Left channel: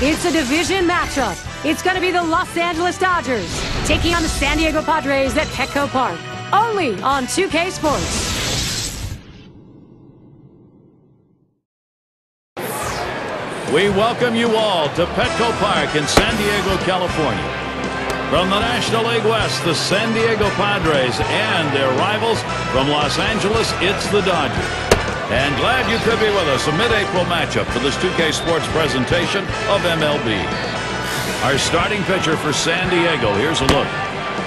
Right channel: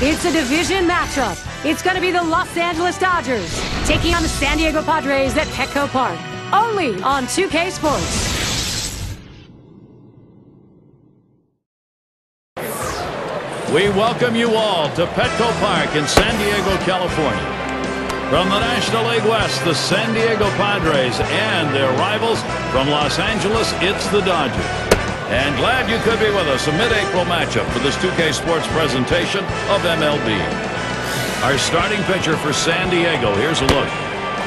It's a division matchup. It's going to be the Los Angeles Dodgers taking on the San Diego Padres at Petco Park. Only on 2K Sports. We welcome you all to Petco Park in San Diego, California. From the National League West, the San Diego Padres, and their rivals from Los Angeles, it's the Dodgers. And glad you could be with us, a mid-April matchup for this 2K Sports presentation of MLB. Our starting pitcher for San Diego, here's a look.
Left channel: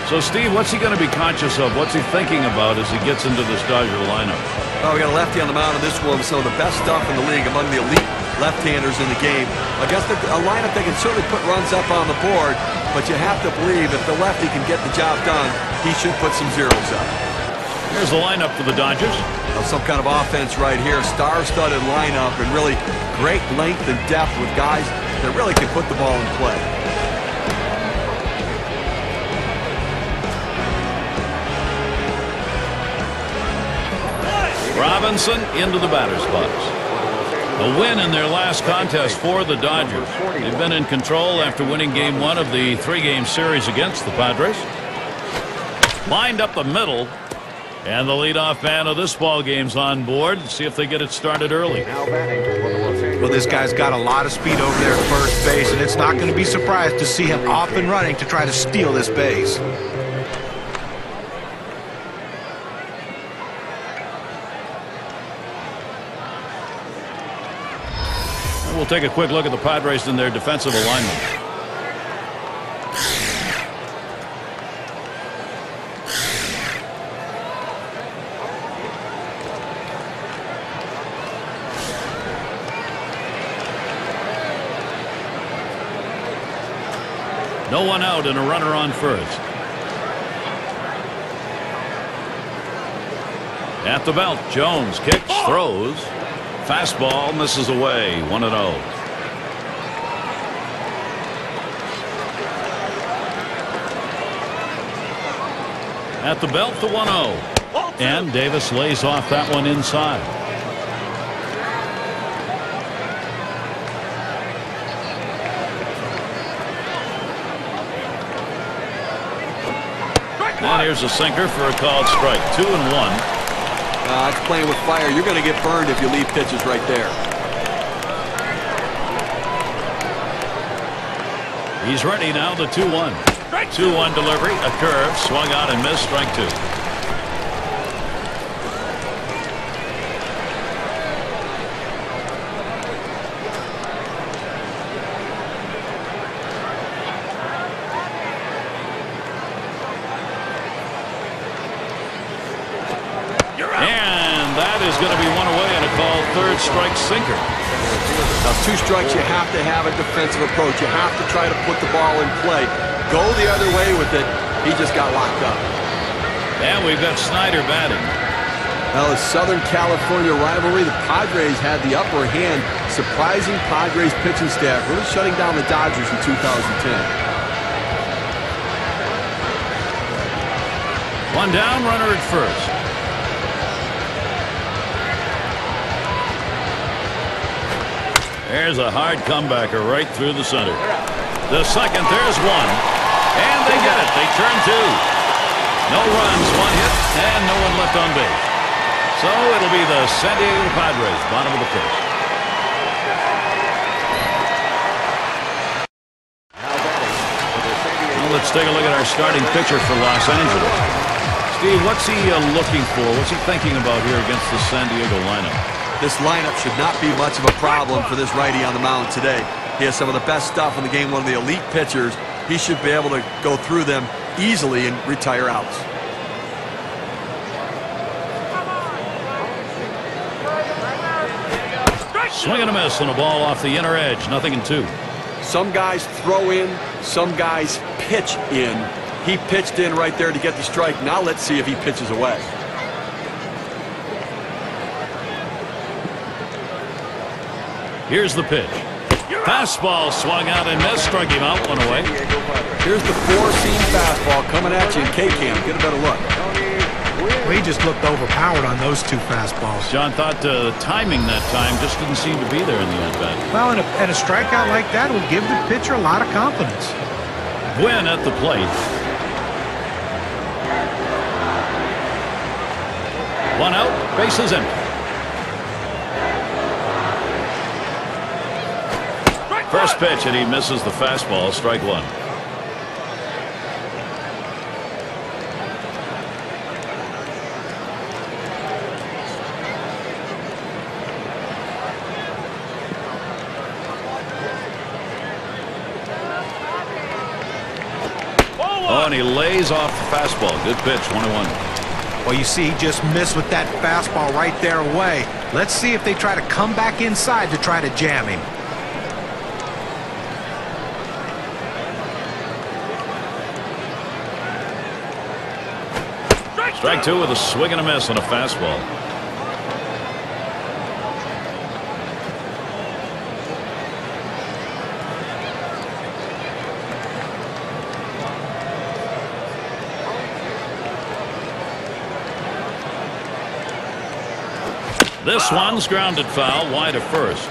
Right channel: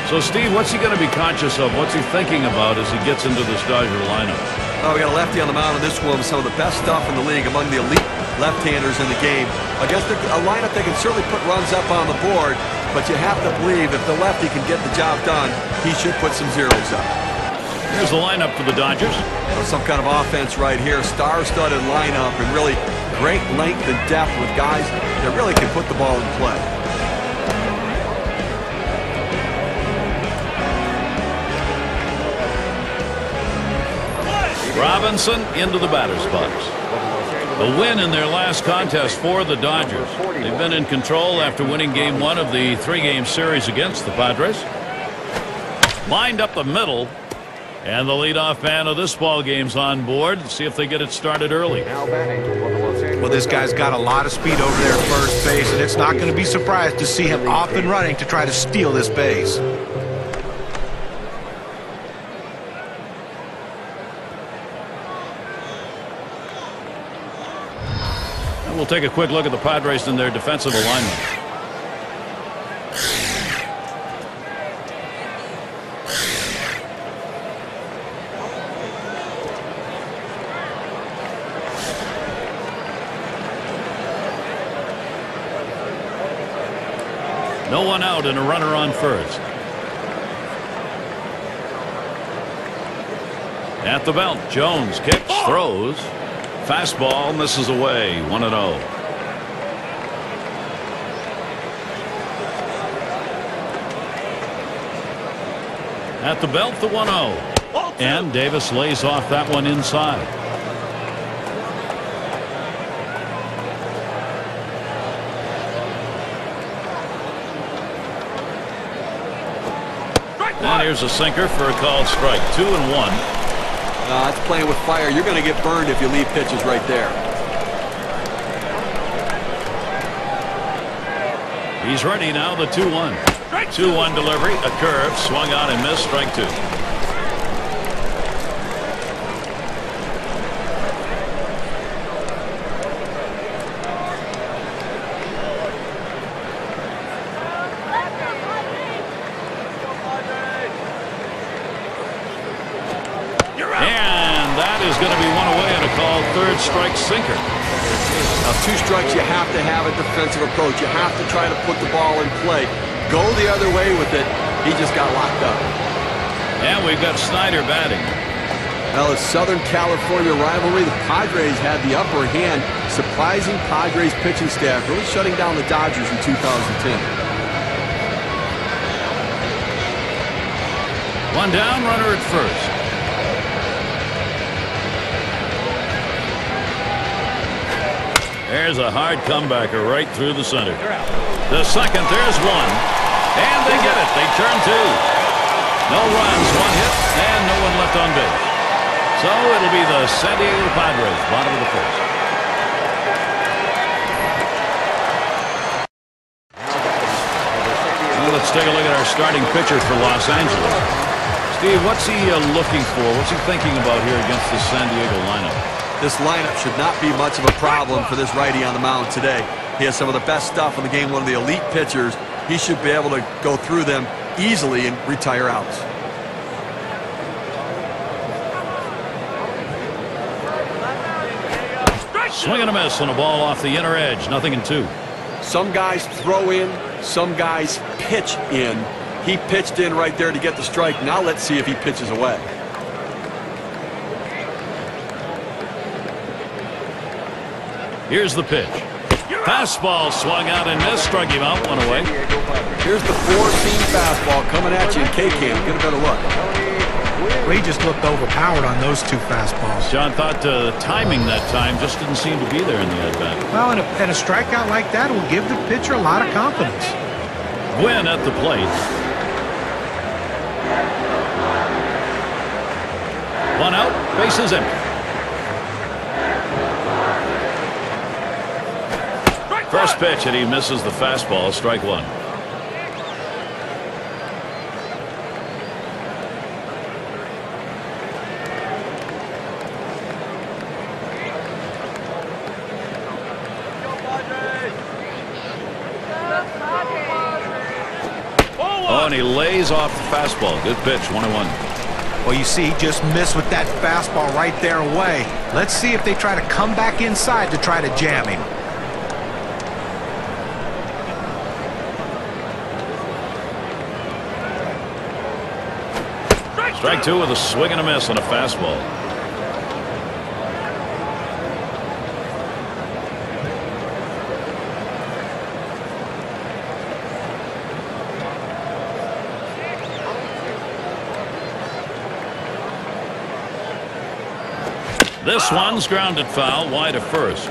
So, Steve, what's he going to be conscious of? What's he thinking about as he gets into this Dodger lineup? Well, we got a lefty on the mound in this one with some of the best stuff in the league, among the elite left-handers in the game. Against a lineup that can certainly put runs up on the board, but you have to believe if the lefty can get the job done, he should put some zeros up. Here's the lineup for the Dodgers. Now, some kind of offense right here, star-studded lineup, and really great length and depth with guys that really can put the ball in play. Robinson into the batter's box. A win in their last contest for the Dodgers. They've been in control after winning game 1 of the 3-game series against the Padres. Lined up the middle, and the leadoff man of this ball game's on board. Let's see if they get it started early. Well, this guy's got a lot of speed over there at first base, and it's not going to be surprised to see him off and running to try to steal this base. We'll take a quick look at the Padres and their defensive alignment. No one out and a runner on first. At the belt, Jones kicks, throws. Fastball misses away, 1-0. At the belt, the 1-0. And Davis lays off that one inside. And here's a sinker for a called strike. 2-1. It's playing with fire. You're going to get burned if you leave pitches right there. He's ready now, the 2-1. 2-1 delivery, a curve, swung on and missed, strike 2. And that is going to be one away and a called third strike sinker. Now, 2 strikes, you have to have a defensive approach. You have to try to put the ball in play. Go the other way with it. He just got locked up. And we've got Snyder batting. Well, it's Southern California rivalry. The Padres had the upper hand. Surprising Padres pitching staff, really shutting down the Dodgers in 2010. One down, runner at first. There's a hard comebacker right through the center. The second, there's one. And they get it. They turn 2. No runs, 1 hit, and no one left on base. So it'll be the San Diego Padres, bottom of the first. Now let's take a look at our starting pitcher for Los Angeles. Steve, what's he looking for? What's he thinking about here against the San Diego lineup? This lineup should not be much of a problem for this righty on the mound today. He has some of the best stuff in the game, one of the elite pitchers. He should be able to go through them easily and retire outs. Swing and a miss and a ball off the inner edge. 0-2. Some guys throw in, some guys pitch in. He pitched in right there to get the strike. Now let's see if he pitches away. Here's the pitch. Fastball swung out and missed. Struck him out, 1 away. Here's the 4-seam fastball coming at you in K-Cam. Get a better look. Well, he just looked overpowered on those two fastballs. John thought timing that time just didn't seem to be there in the at-bat. Well, and a strikeout like that will give the pitcher a lot of confidence. Gwynn at the plate. One out, bases empty. First pitch, and he misses the fastball. Strike one. Oh, and he lays off the fastball. Good pitch, 1-1. Well, you see, he just missed with that fastball right there away. Let's see if they try to come back inside to try to jam him. Strike two with a swing and a miss on a fastball. This one's grounded foul wide of first.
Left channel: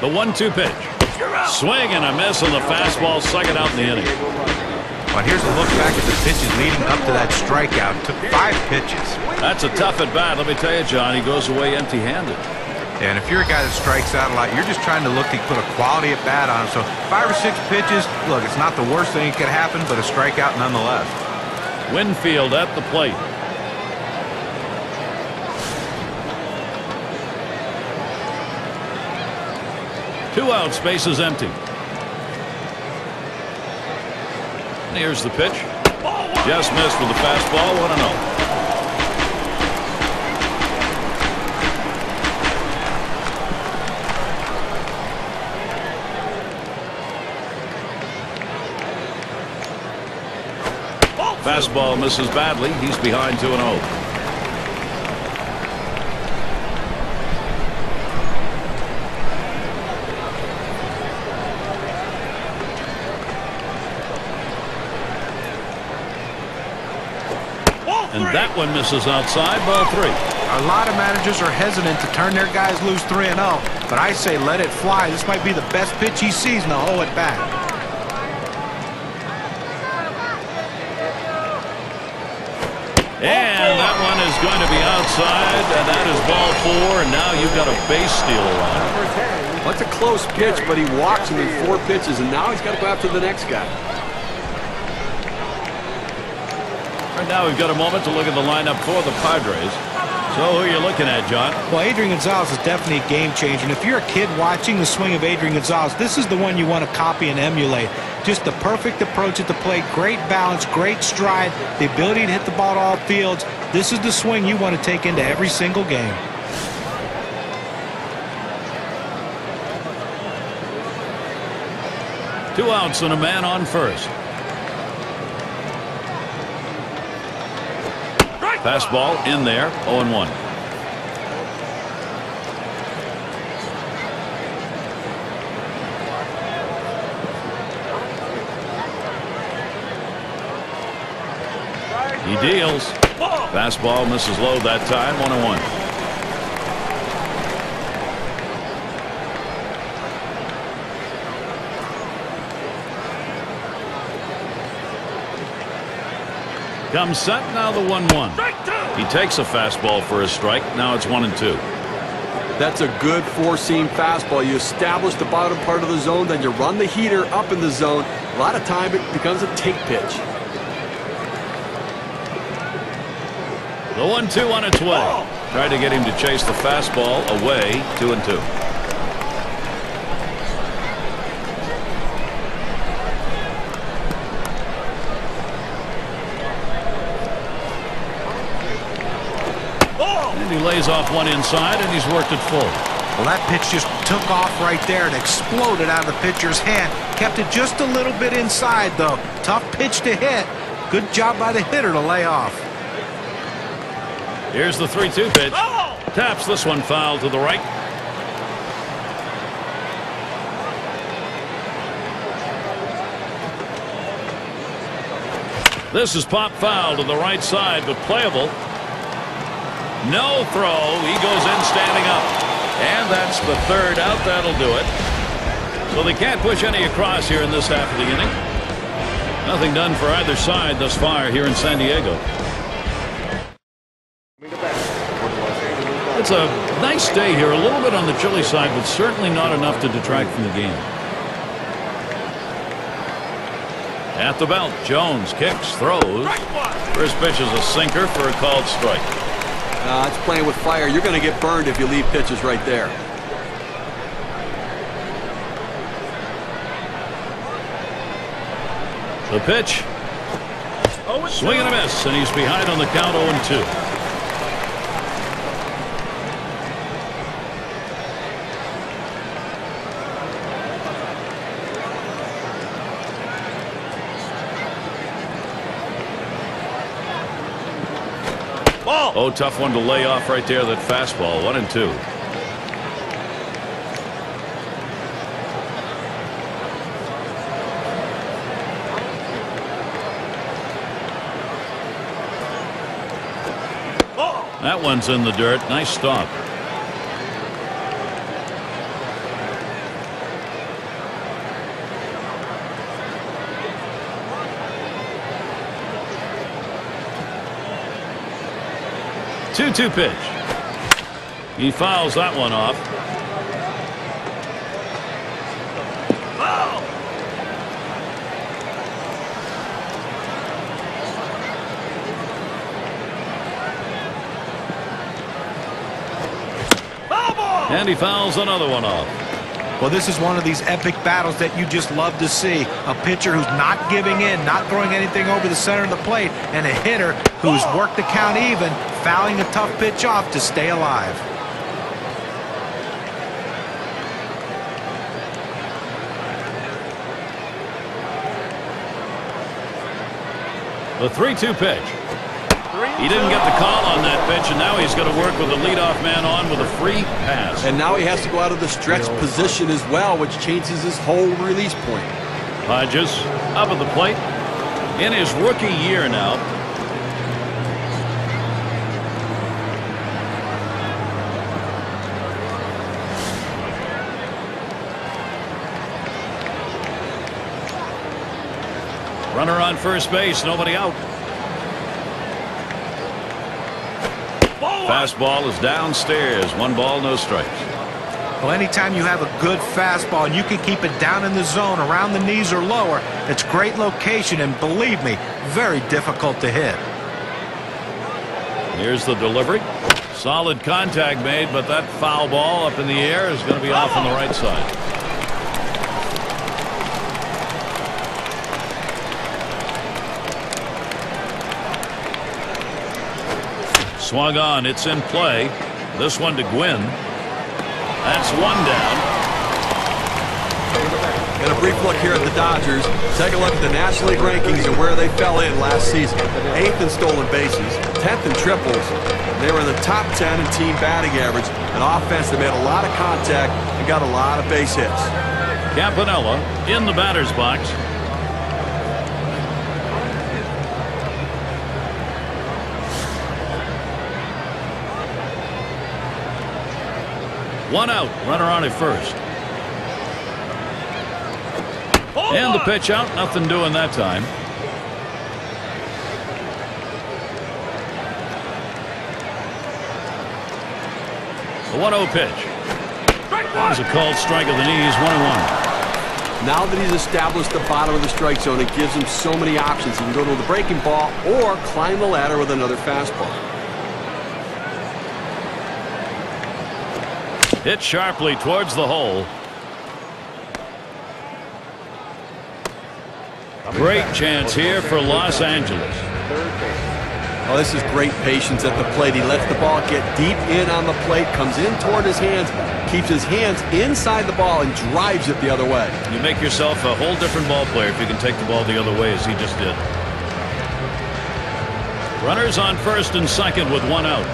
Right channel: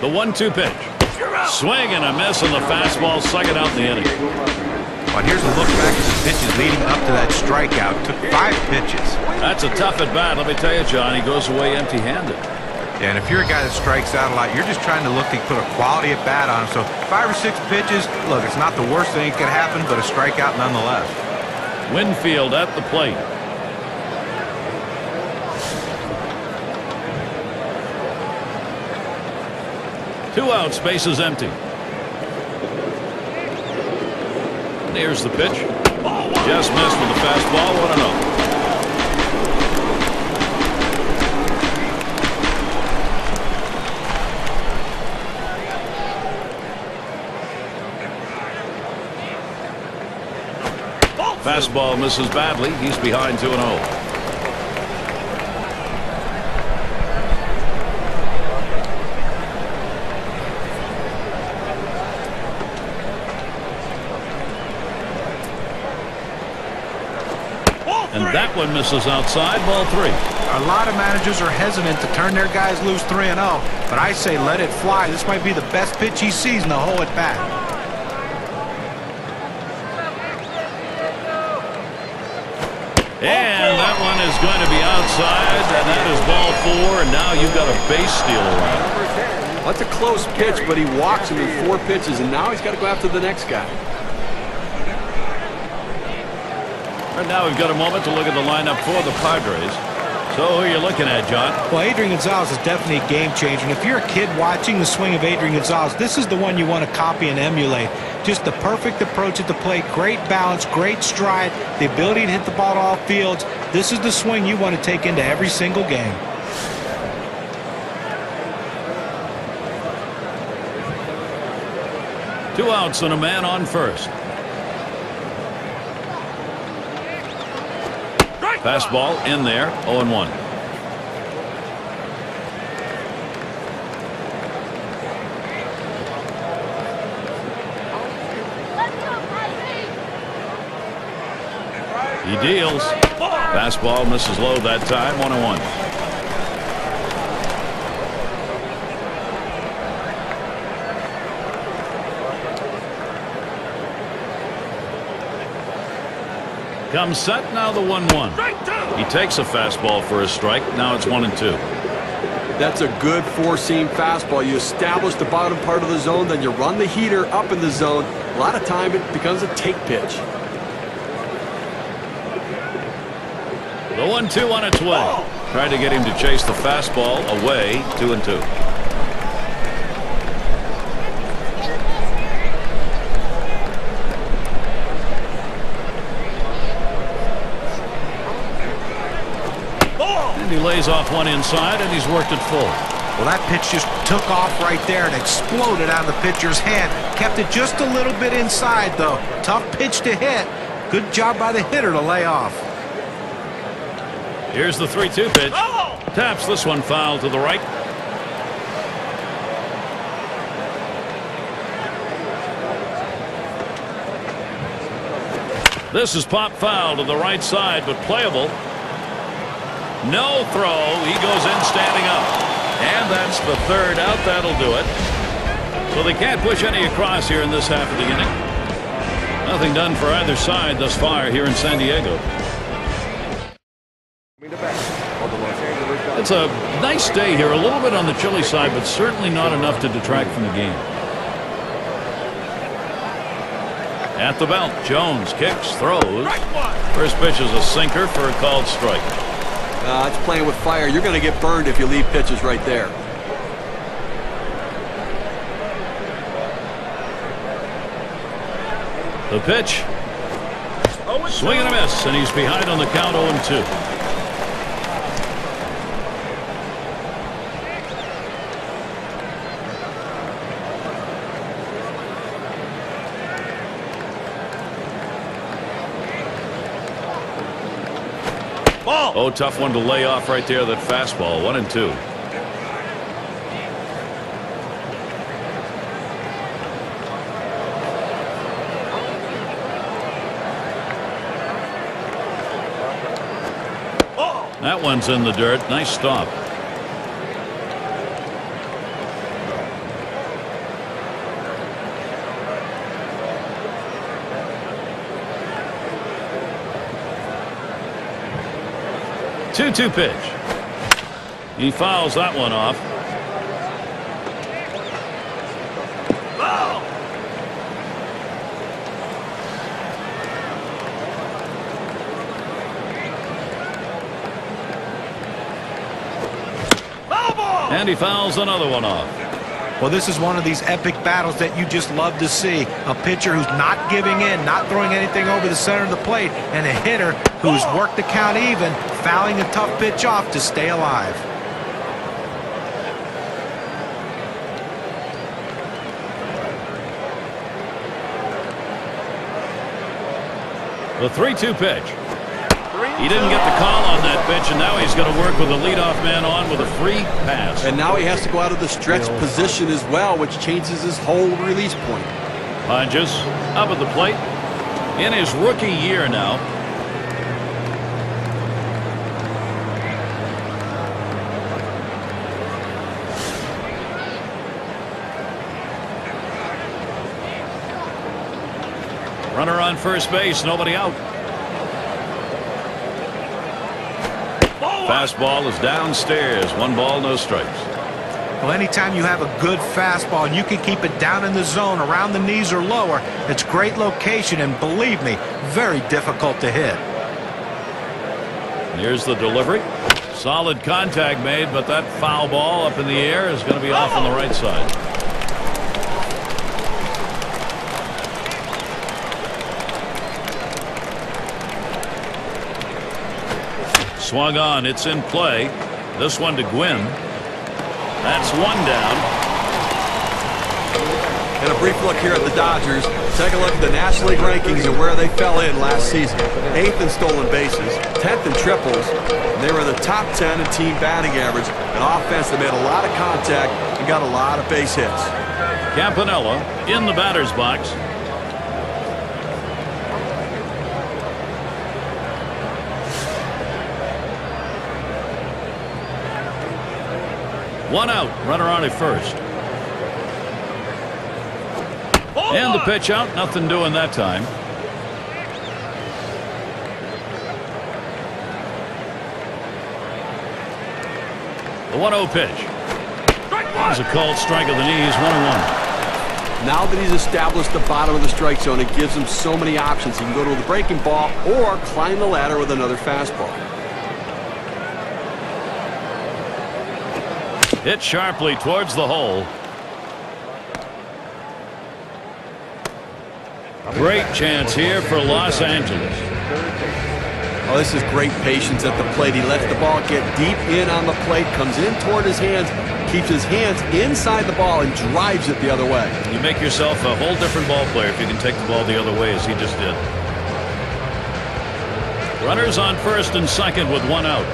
The 1-2 pitch. Swing and a miss on the fastball, second out in the inning. Well, here's a look back at the pitches leading up to that strikeout. Took 5 pitches. That's a tough at bat. Let me tell you, John, he goes away empty-handed. Yeah, and if you're a guy that strikes out a lot, you're just trying to look to put a quality at bat on him. So 5 or 6 pitches, look, it's not the worst thing that could happen, but a strikeout nonetheless. Winfield at the plate. Two outs, bases empty. And here's the pitch. Just missed with the fastball. 1-0. Fastball misses badly. He's behind 2-0. And that one misses outside. Ball 3. A lot of managers are hesitant to turn their guys loose 3-0, but I say let it fly. This might be the best pitch he sees in the whole at bat. And that one is going to be outside, and that is ball 4, and now you've got a base steal around. That's a close pitch, but he walks him in 4 pitches, and now he's got to go after the next guy. Right now we've got a moment to look at the lineup for the Padres. So who are you looking at, John? Well, Adrian Gonzalez is definitely a game changer. And if you're a kid watching the swing of Adrian Gonzalez, this is the one you want to copy and emulate. Just the perfect approach at the plate, great balance, great stride, the ability to hit the ball to all fields. This is the swing you want to take into every single game. Two outs and a man on first. Fastball in there, 0-1. He deals. Fastball misses low that time, 1-1. Comes set, now the 1-1. He takes a fastball for a strike. Now it's 1-2. That's a good four-seam fastball. You establish the bottom part of the zone, then you run the heater up in the zone. A lot of time it becomes a take pitch. The 1-2 on its way. Tried to get him to chase the fastball away. 2-2. And he lays off one inside, and he's worked it full. Well, that pitch just took off right there and exploded out of the pitcher's hand. Kept it just a little bit inside, though. Tough pitch to hit. Good job by the hitter to lay off. Here's the 3-2 pitch. Taps this one foul to the right. This is pop foul to the right side, but playable. No throw. He goes in standing up. And that's the third out. That'll do it. So they can't push any across here in this half of the inning. Nothing done for either side thus far here in San Diego. It's a nice day here, a little bit on the chilly side, but certainly not enough to detract from the game. At the belt, Jones kicks, throws. First pitch is a sinker for a called strike. It's playing with fire. You're going to get burned if you leave pitches right there. The pitch. Swing and a miss, and he's behind on the count 0-2. Ball. Oh, tough one to lay off right there. That fastball. 1-2. That one's in the dirt. Nice stop. Two-two pitch. He fouls that one off. Foul. And he fouls another one off. Well, this is one of these epic battles that you just love to see. A pitcher who's not giving in, not throwing anything over the center of the plate, and a hitter who's worked the count even, fouling a tough pitch off to stay alive. The 3-2 pitch. He didn't get the call on that pitch, and now he's going to work with the leadoff man on with a free pass. And now he has to go out of the stretch position as well, which changes his whole release point. Hodges up at the plate in his rookie year now. Runner on first base, nobody out. Fastball is downstairs. 1 ball, no strikes. Well, anytime you have a good fastball and you can keep it down in the zone around the knees or lower, it's great location, and believe me, very difficult to hit. Here's the delivery. Solid contact made, but that foul ball up in the air is going to be off on the right side. Swung on. It's in play. This one to Gwynn. That's one down. And a brief look here at the Dodgers. Take a look at the National League rankings and where they fell in last season. 8th in stolen bases, 10th in triples. And they were in the top 10 in team batting average. An offense that made a lot of contact and got a lot of base hits. Campanella in the batter's box. One out. Runner on at first. And the pitch out. Nothing doing that time. The 1-0 pitch. There's a called strike of the knees. 1-1. Now that he's established the bottom of the strike zone, it gives him so many options. He can go to the breaking ball or climb the ladder with another fastball. Hit sharply towards the hole. Great chance here for Los Angeles. Oh, this is great patience at the plate. He lets the ball get deep in on the plate, comes in toward his hands, keeps his hands inside the ball, and drives it the other way. You make yourself a whole different ball player if you can take the ball the other way, as he just did. Runners on first and second with 1 out.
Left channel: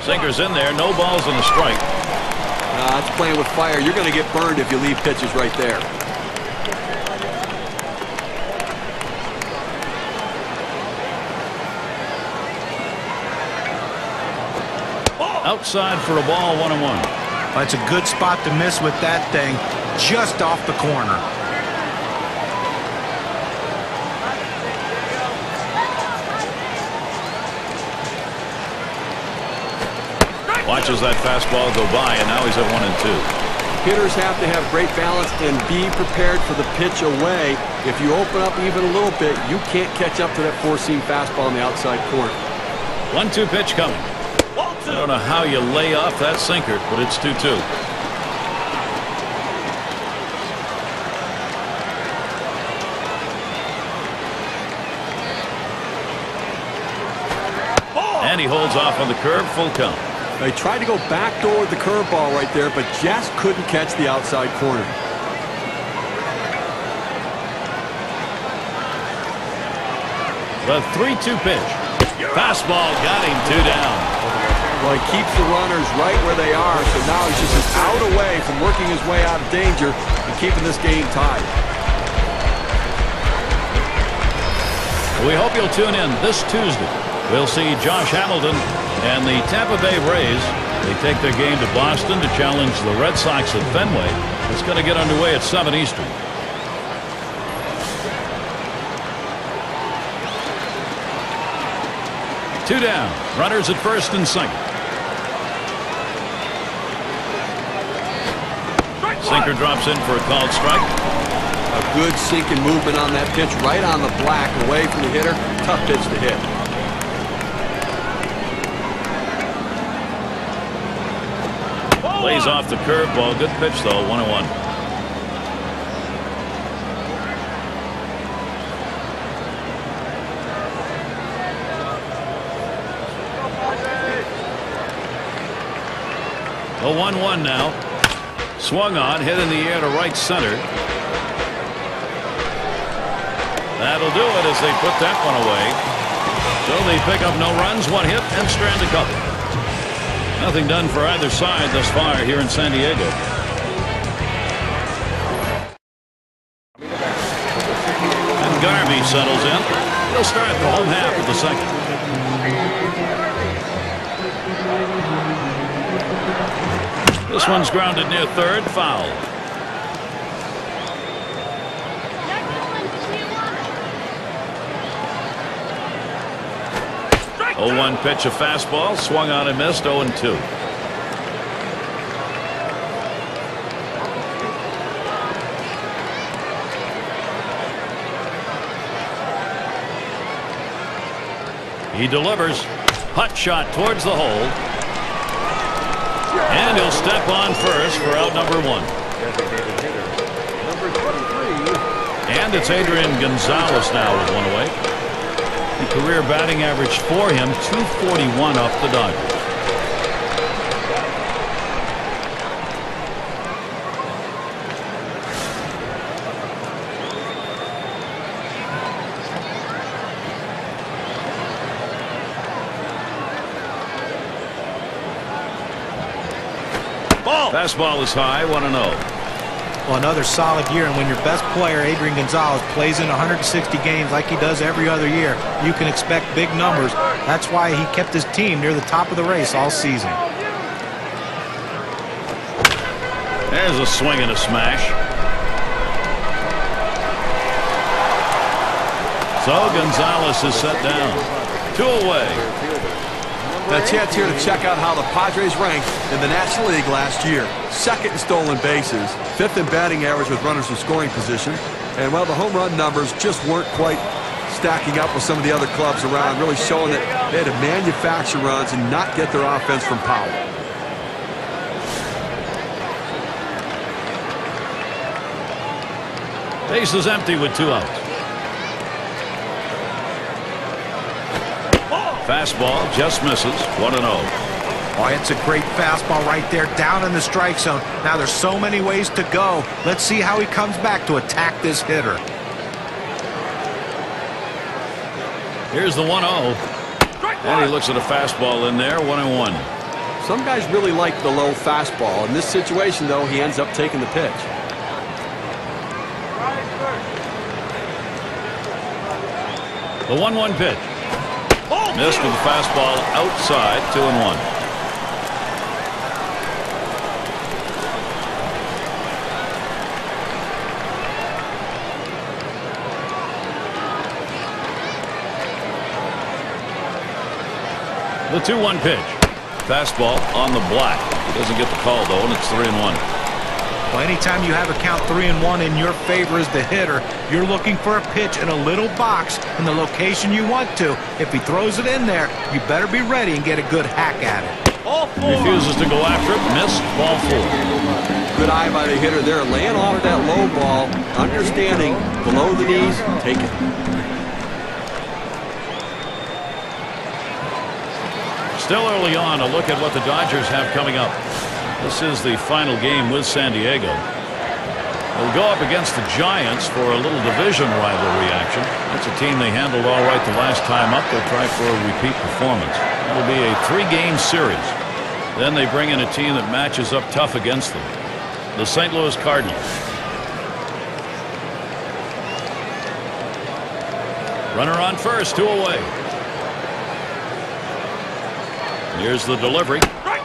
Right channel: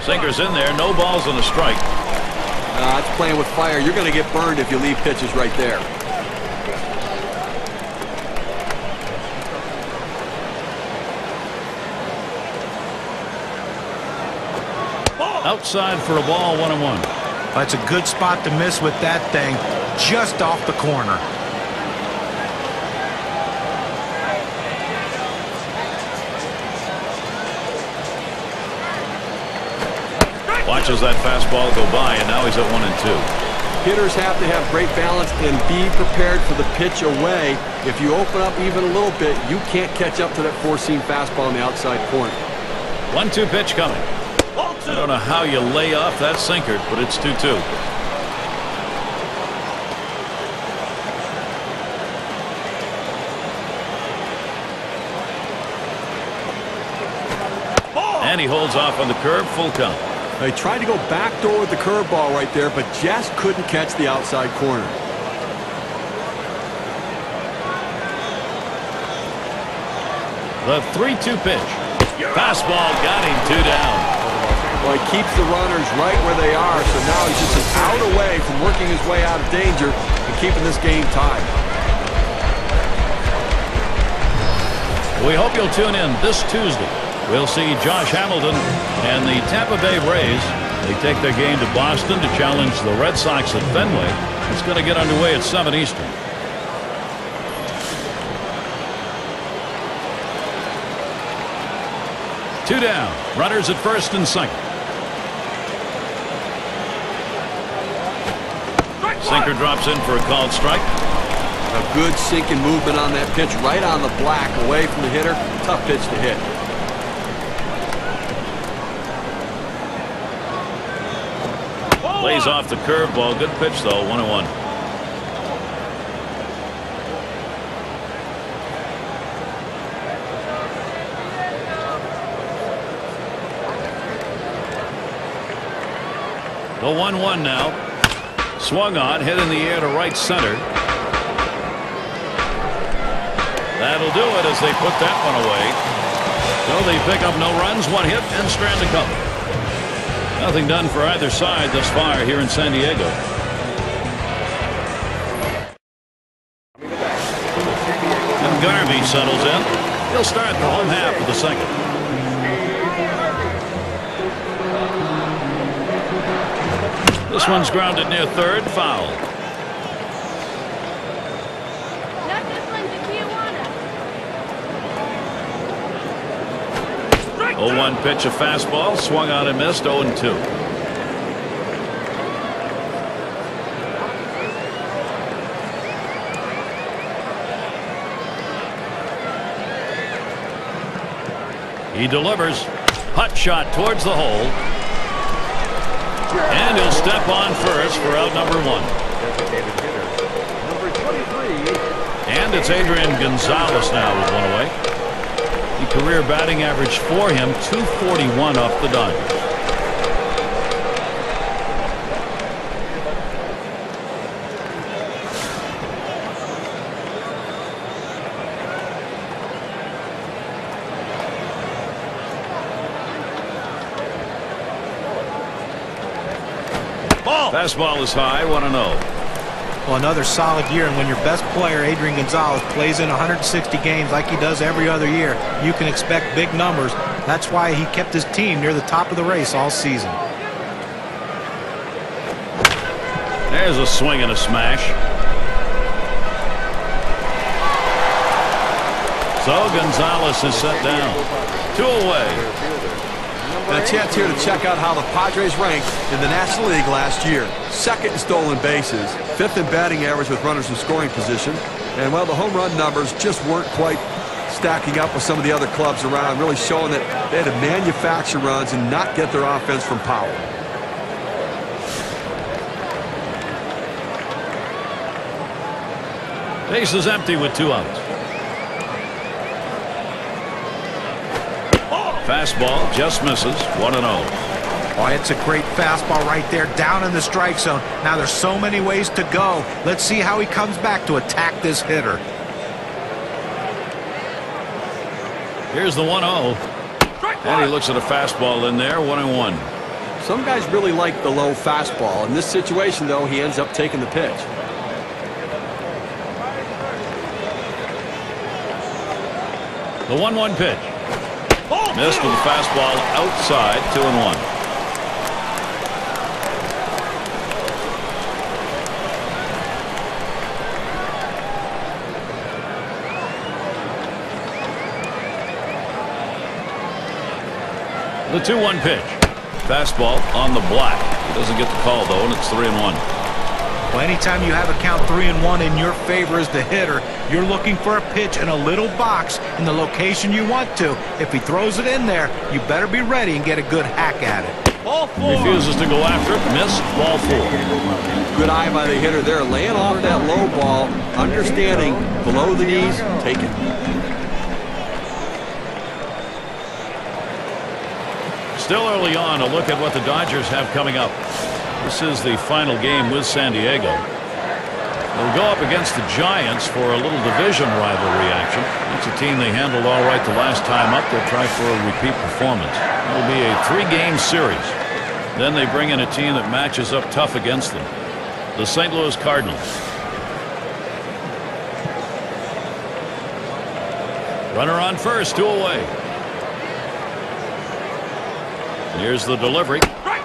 Sinker's in there. No balls and a strike. It's playing with fire. You're going to get burned if you leave pitches right there. Outside for a ball, 1-1. Well, it's a good spot to miss with that thing, just off the corner. Watches that fastball go by, and now he's at 1-2. Hitters have to have great balance and be prepared for the pitch away. If you open up even a little bit, you can't catch up to that four-seam fastball in the outside corner. 1-2 pitch coming. I don't know how you lay off that sinker, but it's 2-2. And he holds off on the curve, full count. They tried to go backdoor with the curveball right there, but just couldn't catch the outside corner. The 3-2 pitch. Fastball got him 2 down. Well, he keeps the runners right where they are, so now he's just an out away from working his way out of danger and keeping this game tied. We hope you'll tune in this Tuesday. We'll see Josh Hamilton and the Tampa Bay Rays. They take their game to Boston to challenge the Red Sox at Fenway. It's going to get underway at 7 Eastern. Two down. Runners at first and second. Sinker drops in for a called strike. A good sinking movement on that pitch, right on the black, away from the hitter. Tough pitch to hit. Lays off the curveball. Good pitch, though. 1-1. The 1-1 now. Swung on, hit in the air to right center. That'll do it as they put that one away. So they pick up no runs, 1 hit, and strand a couple. Nothing done for either side thus far here in San Diego. And Garvey settles in. He'll start the home half of the second. This one's grounded near third, foul. Oh, 0-1 pitch, a fastball, swung on and missed. 0-2. He delivers. Hot shot towards the hole. And he'll step on first for out number 1. And it's Adrian Gonzalez now with 1 away. The career batting average for him, 241 off the Dodgers. Ball. Fastball is high, 1-0. Well, another solid year, and when your best player, Adrian Gonzalez, plays in 160 games like he does every other year, you can expect big numbers. That's why he kept his team near the top of the race all season. There's a swing and a smash. So Gonzalez is set down. 2 away. And a chance here to check out how the Padres ranked in the National League last year. Second in stolen bases, 5th in batting average with runners in scoring position. And, well, the home run numbers just weren't quite stacking up with some of the other clubs around, really showing that they had to manufacture runs and not get their offense from power. Base is empty with 2 outs. Fastball just misses. 1-0. Oh, it's a great fastball right there down in the strike zone. Now there's so many ways to go. Let's see how he comes back to attack this hitter. Here's the 1-0. And he looks at a fastball in there. 1-1. Some guys really like the low fastball. In this situation, though, he ends up taking the pitch. The 1-1 pitch. Missed with the fastball outside. 2-1. The 2-1 pitch. Fastball on the black. He doesn't get the call, though, and it's 3-1. Well, anytime you have a count 3-1 in your favor as the hitter, you're looking for a pitch in a little box in the location you want to. If he throws it in there, you better be ready and get a good hack at it. Ball 4. Refuses to go after it. Missed. Ball 4. Good eye by the hitter there, laying off that low ball, understanding below the knees, take it. Still early on, a look at what the Dodgers have coming up. This is the final game with San Diego. They'll go up against the Giants for a little division rivalry action. That's a team they handled all right the last time up. They'll try for a repeat performance. It'll be a 3-game series. Then they bring in a team that matches up tough against them. The St. Louis Cardinals. Runner on first, 2 away. Here's the delivery.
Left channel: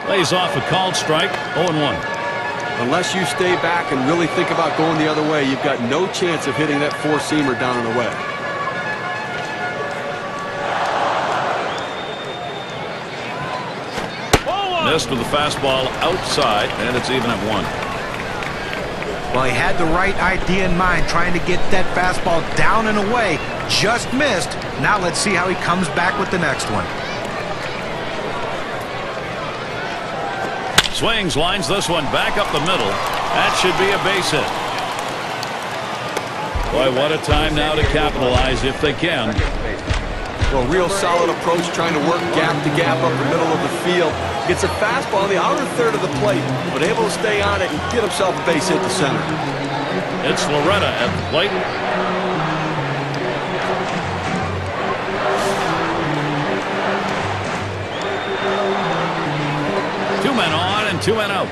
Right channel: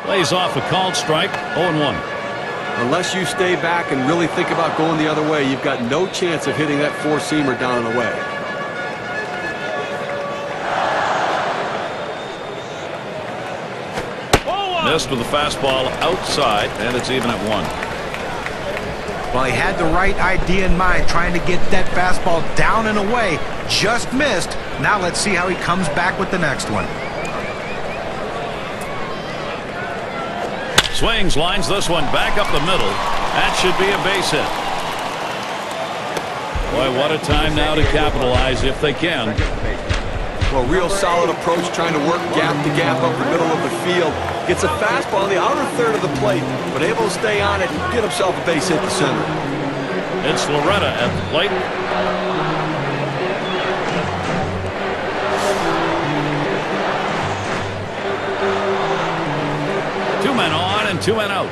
Lays off a called strike. 0-1. Unless you stay back and really think about going the other way, you've got no chance of hitting that 4-seamer down and away. Missed with the fastball outside, and it's even at 1. Well, he had the right idea in mind, trying to get that fastball down and away. Just missed. Now let's see how he comes back with the next one. Swings, lines this one back up the middle. That should be a base hit. Boy, what a time now to capitalize if they can. Well, real solid approach, trying to work gap to gap up the middle of the field. Gets a fastball on the outer third of the plate, but able to stay on it and get himself a base hit to center. It's Loretta at the plate. Two men on and 2 men out.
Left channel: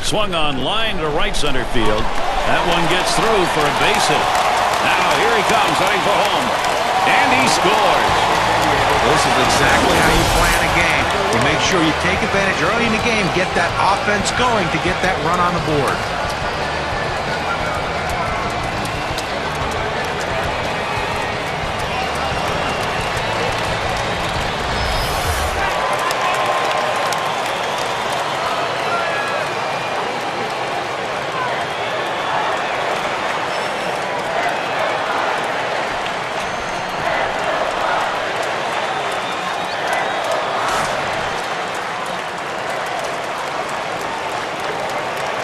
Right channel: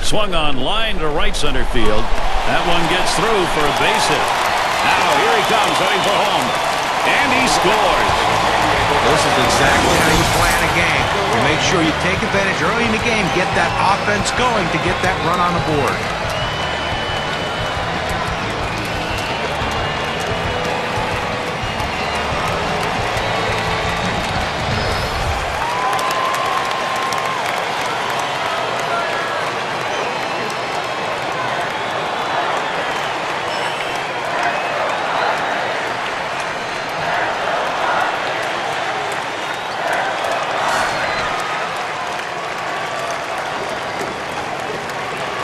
Swung on line to right center field. That one gets through for a base hit. Now here he comes heading for home. And he scores. This is exactly how you plan a game. You make sure you take advantage early in the game, get that offense going to get that run on the board.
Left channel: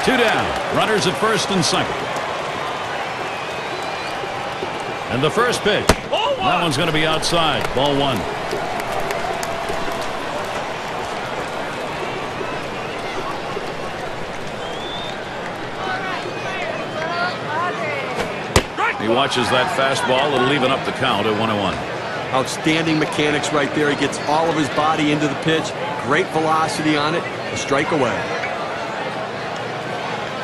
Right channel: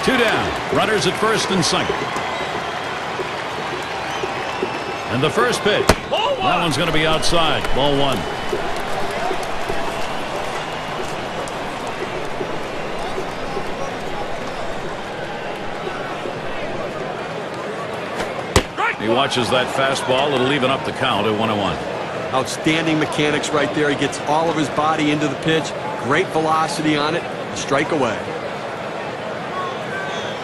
Two down. Runners at first and second. And the first pitch. That one's going to be outside. Ball 1. He watches that fastball. It'll even up the count at 1-1. Outstanding mechanics right there. He gets all of his body into the pitch. Great velocity on it. A strike away.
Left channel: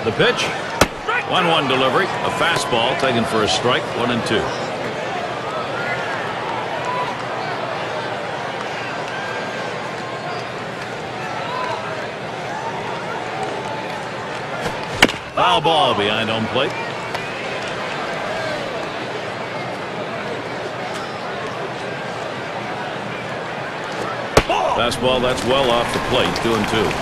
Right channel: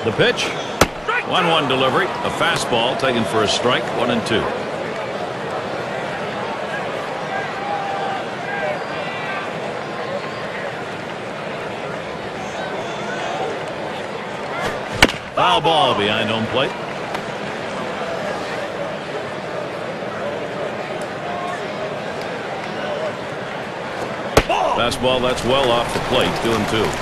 The pitch. 1-1 delivery. A fastball taken for a strike. 1-2. Foul ball behind home plate. Fastball that's well off the plate. 2-2.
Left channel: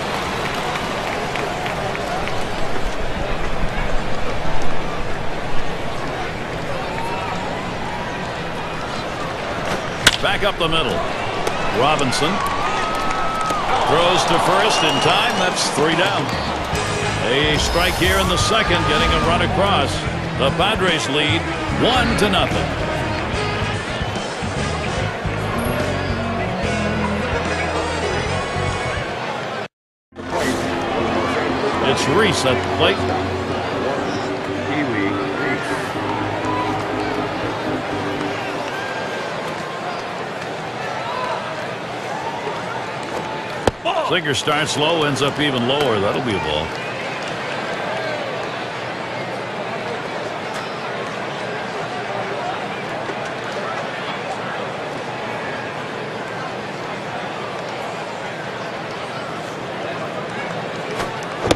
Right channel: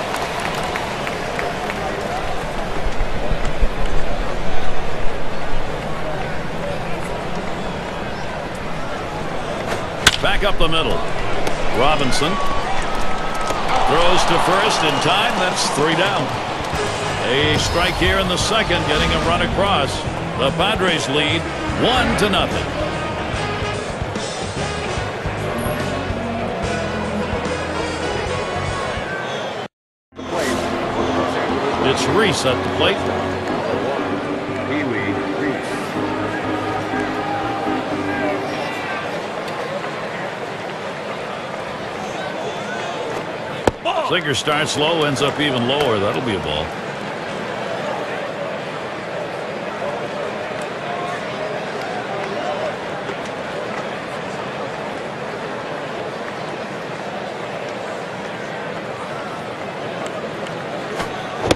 Back up the middle. Robinson throws to first in time. That's 3 down. A strike here in the second, getting a run across. The Padres lead 1-0. It's Reese at the plate. Singer starts low, ends up even lower. That'll be a ball.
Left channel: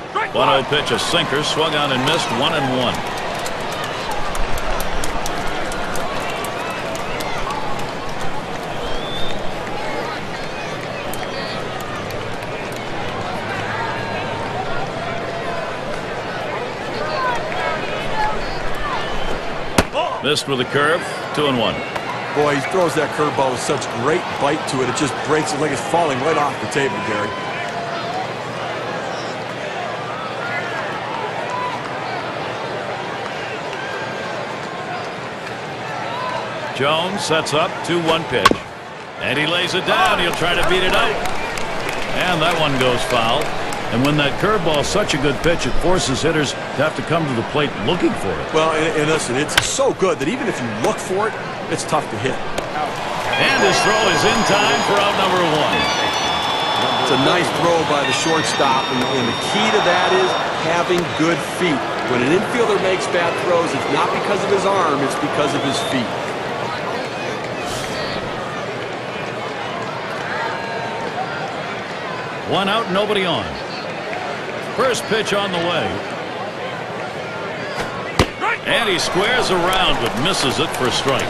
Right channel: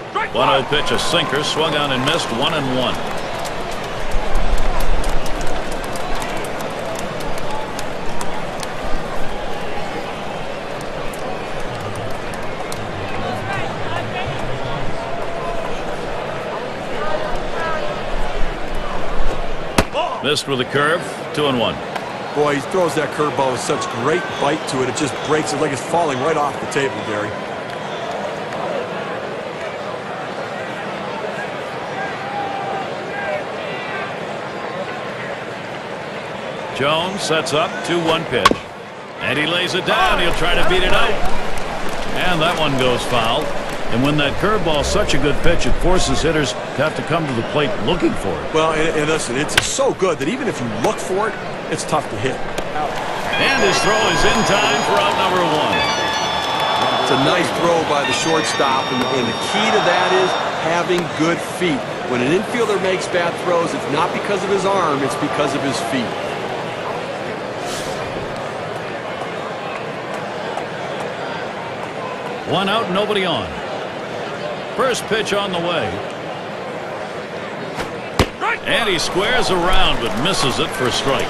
Strike 1-0 pitch, a sinker, swung on and missed. 1-1. Missed with a curve. 2-1. Boy, he throws that curveball with such great bite to it. It just breaks it like it's falling right off the table, Gary. Jones sets up. 2-1 pitch. And he lays it down. He'll try to beat it out. And that one goes foul. And when that curveball is such a good pitch, it forces hitters to have to come to the plate looking for it. Well, and listen, it's so good that even if you look for it, it's tough to hit. Out. And his throw is in time for out number 1. It's a nice throw by the shortstop, and the key to that is having good feet. When an infielder makes bad throws, it's not because of his arm, it's because of his feet. One out, nobody on. First pitch on the way. And he squares around but misses it for a strike.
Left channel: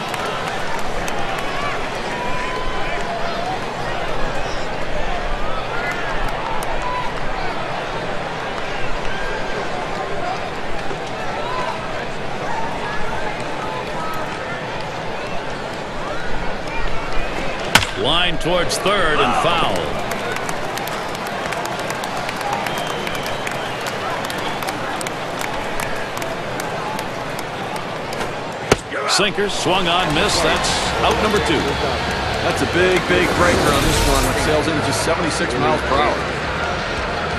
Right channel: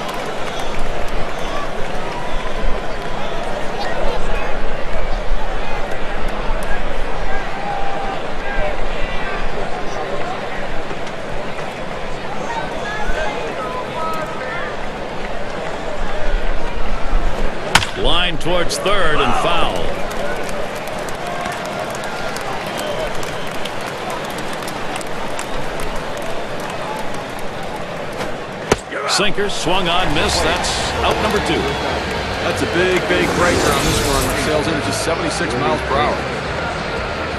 Line towards third and foul. Sinker swung on, missed. That's out number 2. That's a big breaker on this one. Sails in at just 76 miles per hour.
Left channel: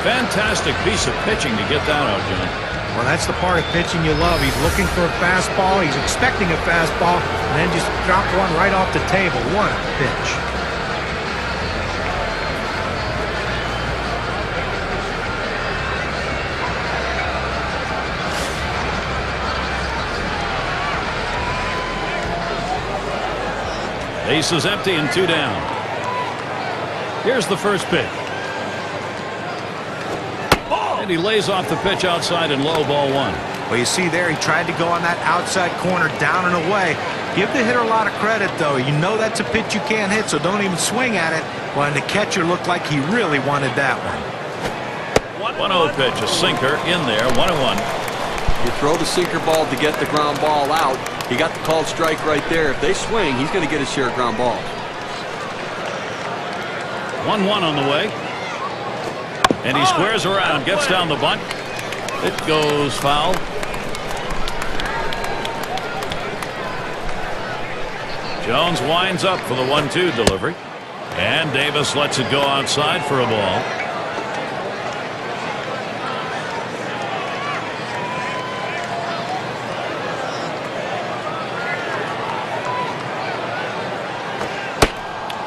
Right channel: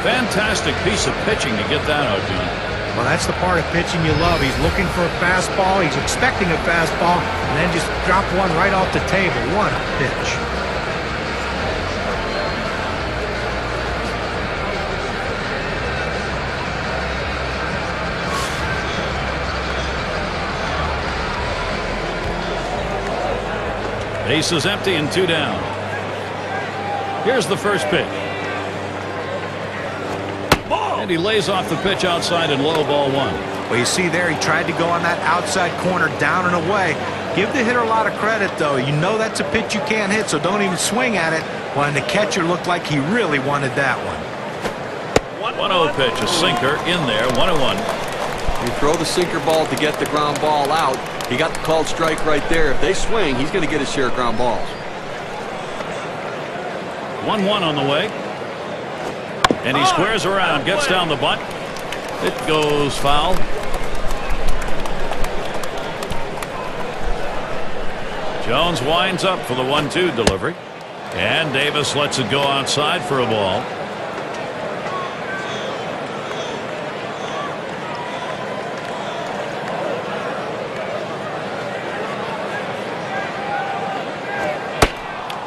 Fantastic piece of pitching to get that out, John. Well, that's the part of pitching you love. He's looking for a fastball. He's expecting a fastball, and then just drop one right off the table. What a pitch. Base is empty and 2 down. Here's the first pitch. Ball. And he lays off the pitch outside and low, ball 1. Well, you see there, he tried to go on that outside corner, down and away. Give the hitter a lot of credit, though. You know that's a pitch you can't hit, so don't even swing at it. Well, and the catcher looked like he really wanted that one. 1-0 pitch, a sinker in there, 1-1. You throw the sinker ball to get the ground ball out. He got the called strike right there. If they swing, he's going to get his share of ground balls. 1-1 on the way. And he squares around, gets down the bunt. It goes foul. Jones winds up for the 1-2 delivery. And Davis lets it go outside for a ball.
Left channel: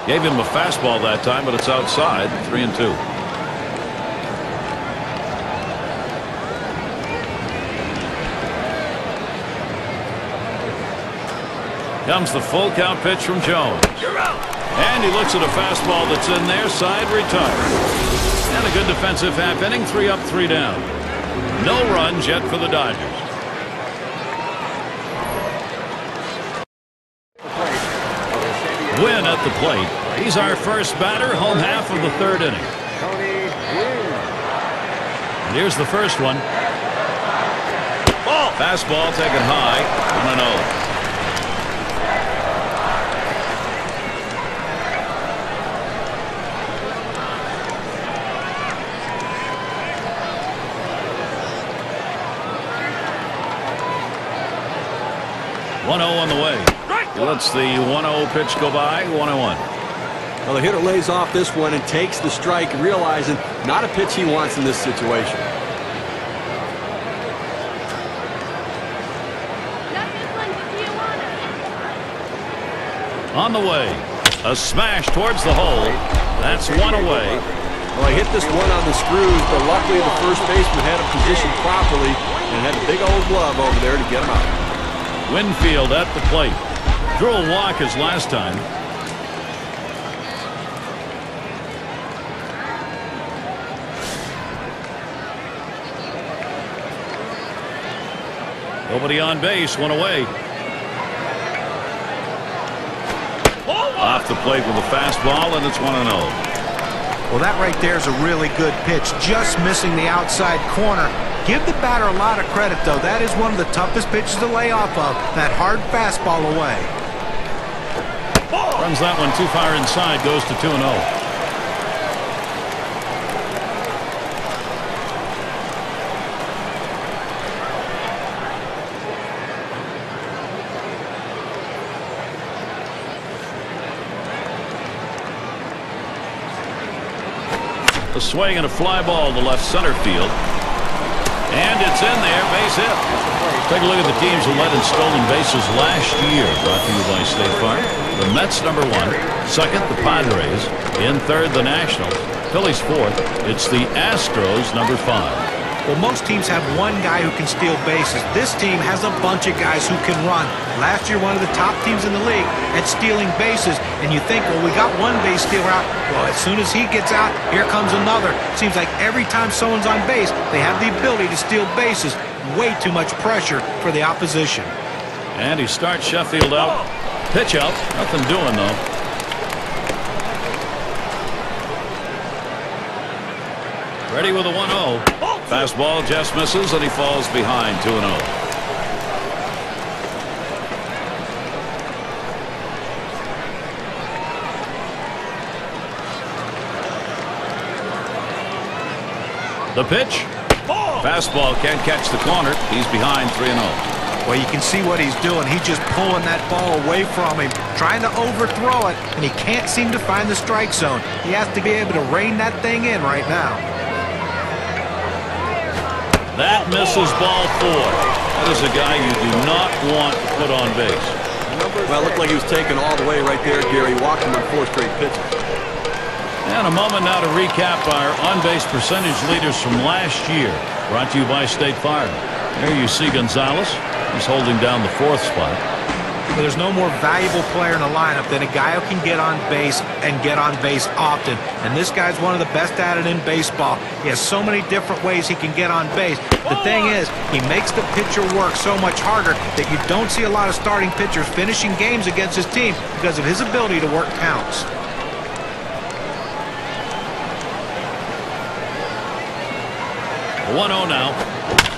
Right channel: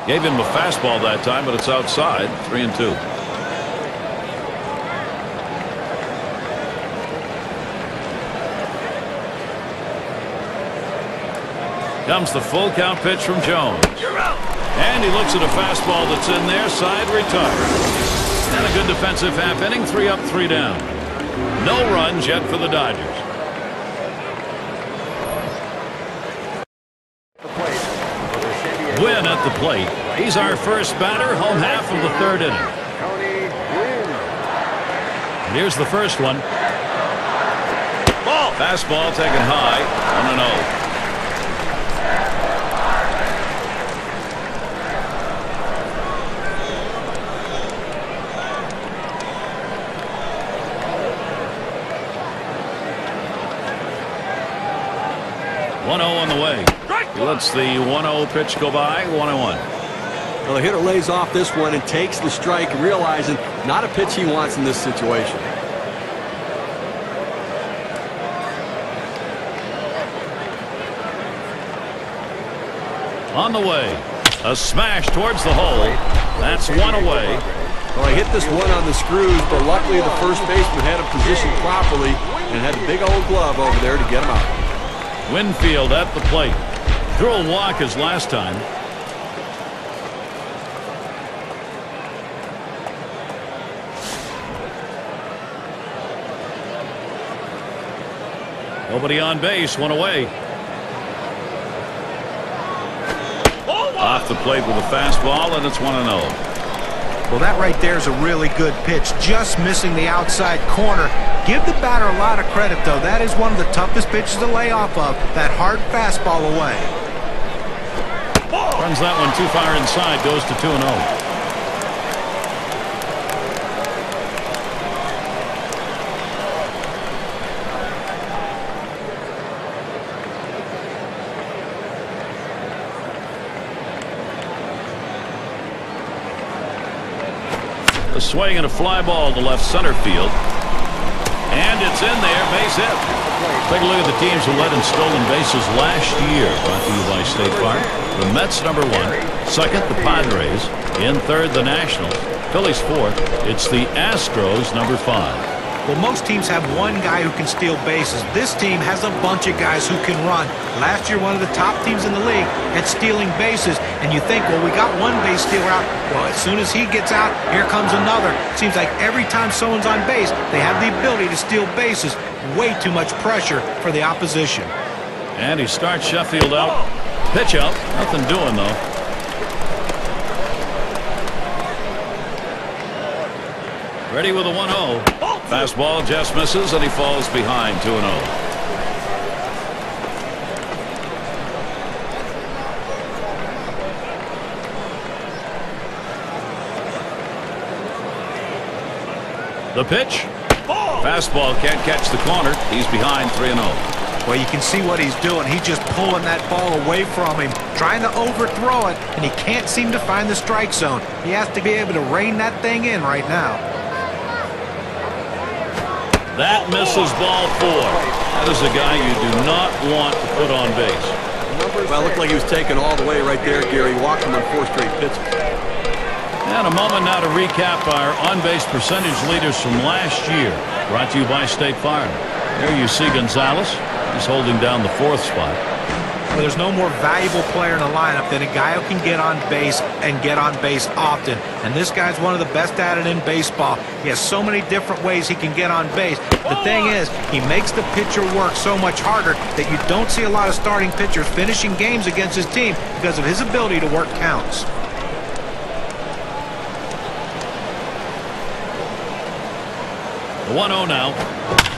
Gave him a fastball that time, but it's outside. 3-2. Comes the full count pitch from Jones. You're out. And he looks at a fastball that's in there. Side retired. And a good defensive half inning. 3 up, 3 down. No runs yet for the Dodgers. Win at the plate. He's our first batter, home half of the 3rd inning. And here's the first one. Ball. Fastball taken high. 1-0. On the way. He lets the 1-0 pitch go by. 1-1. Well, the hitter lays off this one and takes the strike, realizing not a pitch he wants in this situation. On the way. A smash towards the hole. That's 1 away. Well, he hit this one on the screws, but luckily the first baseman had him positioned properly and had the big old glove over there to get him out. Winfield at the plate. Drew a walk as last time. Nobody on base. 1 away. Off the plate with a fastball, and it's 1-0. Well, that right there is a really good pitch, just missing the outside corner. Give the batter a lot of credit, though. That is one of the toughest pitches to lay off of, that hard fastball away. Runs that one too far inside, goes to 2-0. A swing and a fly ball to left center field. And it's in there, base hit. Take a look at the teams who led in stolen bases last year. Brought to you by State Farm. The Mets #1. Second, the Padres. In third, the Nationals. Phillies fourth. It's the Astros #5. Well, most teams have one guy who can steal bases. This team has a bunch of guys who can run. Last year, one of the top teams in the league at stealing bases. And you think, well, we got one base stealer out. Well, as soon as he gets out, here comes another. Seems like every time someone's on base, they have the ability to steal bases. Way too much pressure for the opposition. And he starts Sheffield out. Pitch out. Nothing doing, though. Ready with a 1-0. Fastball just misses, and he falls behind 2-0. The pitch. Fastball can't catch the corner. He's behind 3-0. Well, you can see what he's doing. He's just pulling that ball away from him, trying to overthrow it, and he can't seem to find the strike zone. He has to be able to rein that thing in right now. That misses ball 4. That is a guy you do not want to put on base. Well, it looked like he was taken all the way right there, Gary. Walked him on 4 straight pitches. And a moment now to recap our on-base percentage leaders from last year. Brought to you by State Farm. There you see Gonzalez. He's holding down the 4th spot. Well, there's no more valuable player in the lineup than a guy who can get on base and get on base often. And this guy's one of the best at it in baseball. He has so many different ways he can get on base. The thing is, he makes the pitcher work so much harder that you don't see a lot of starting pitchers finishing games against his team because of his ability to work counts. The 1-0 now.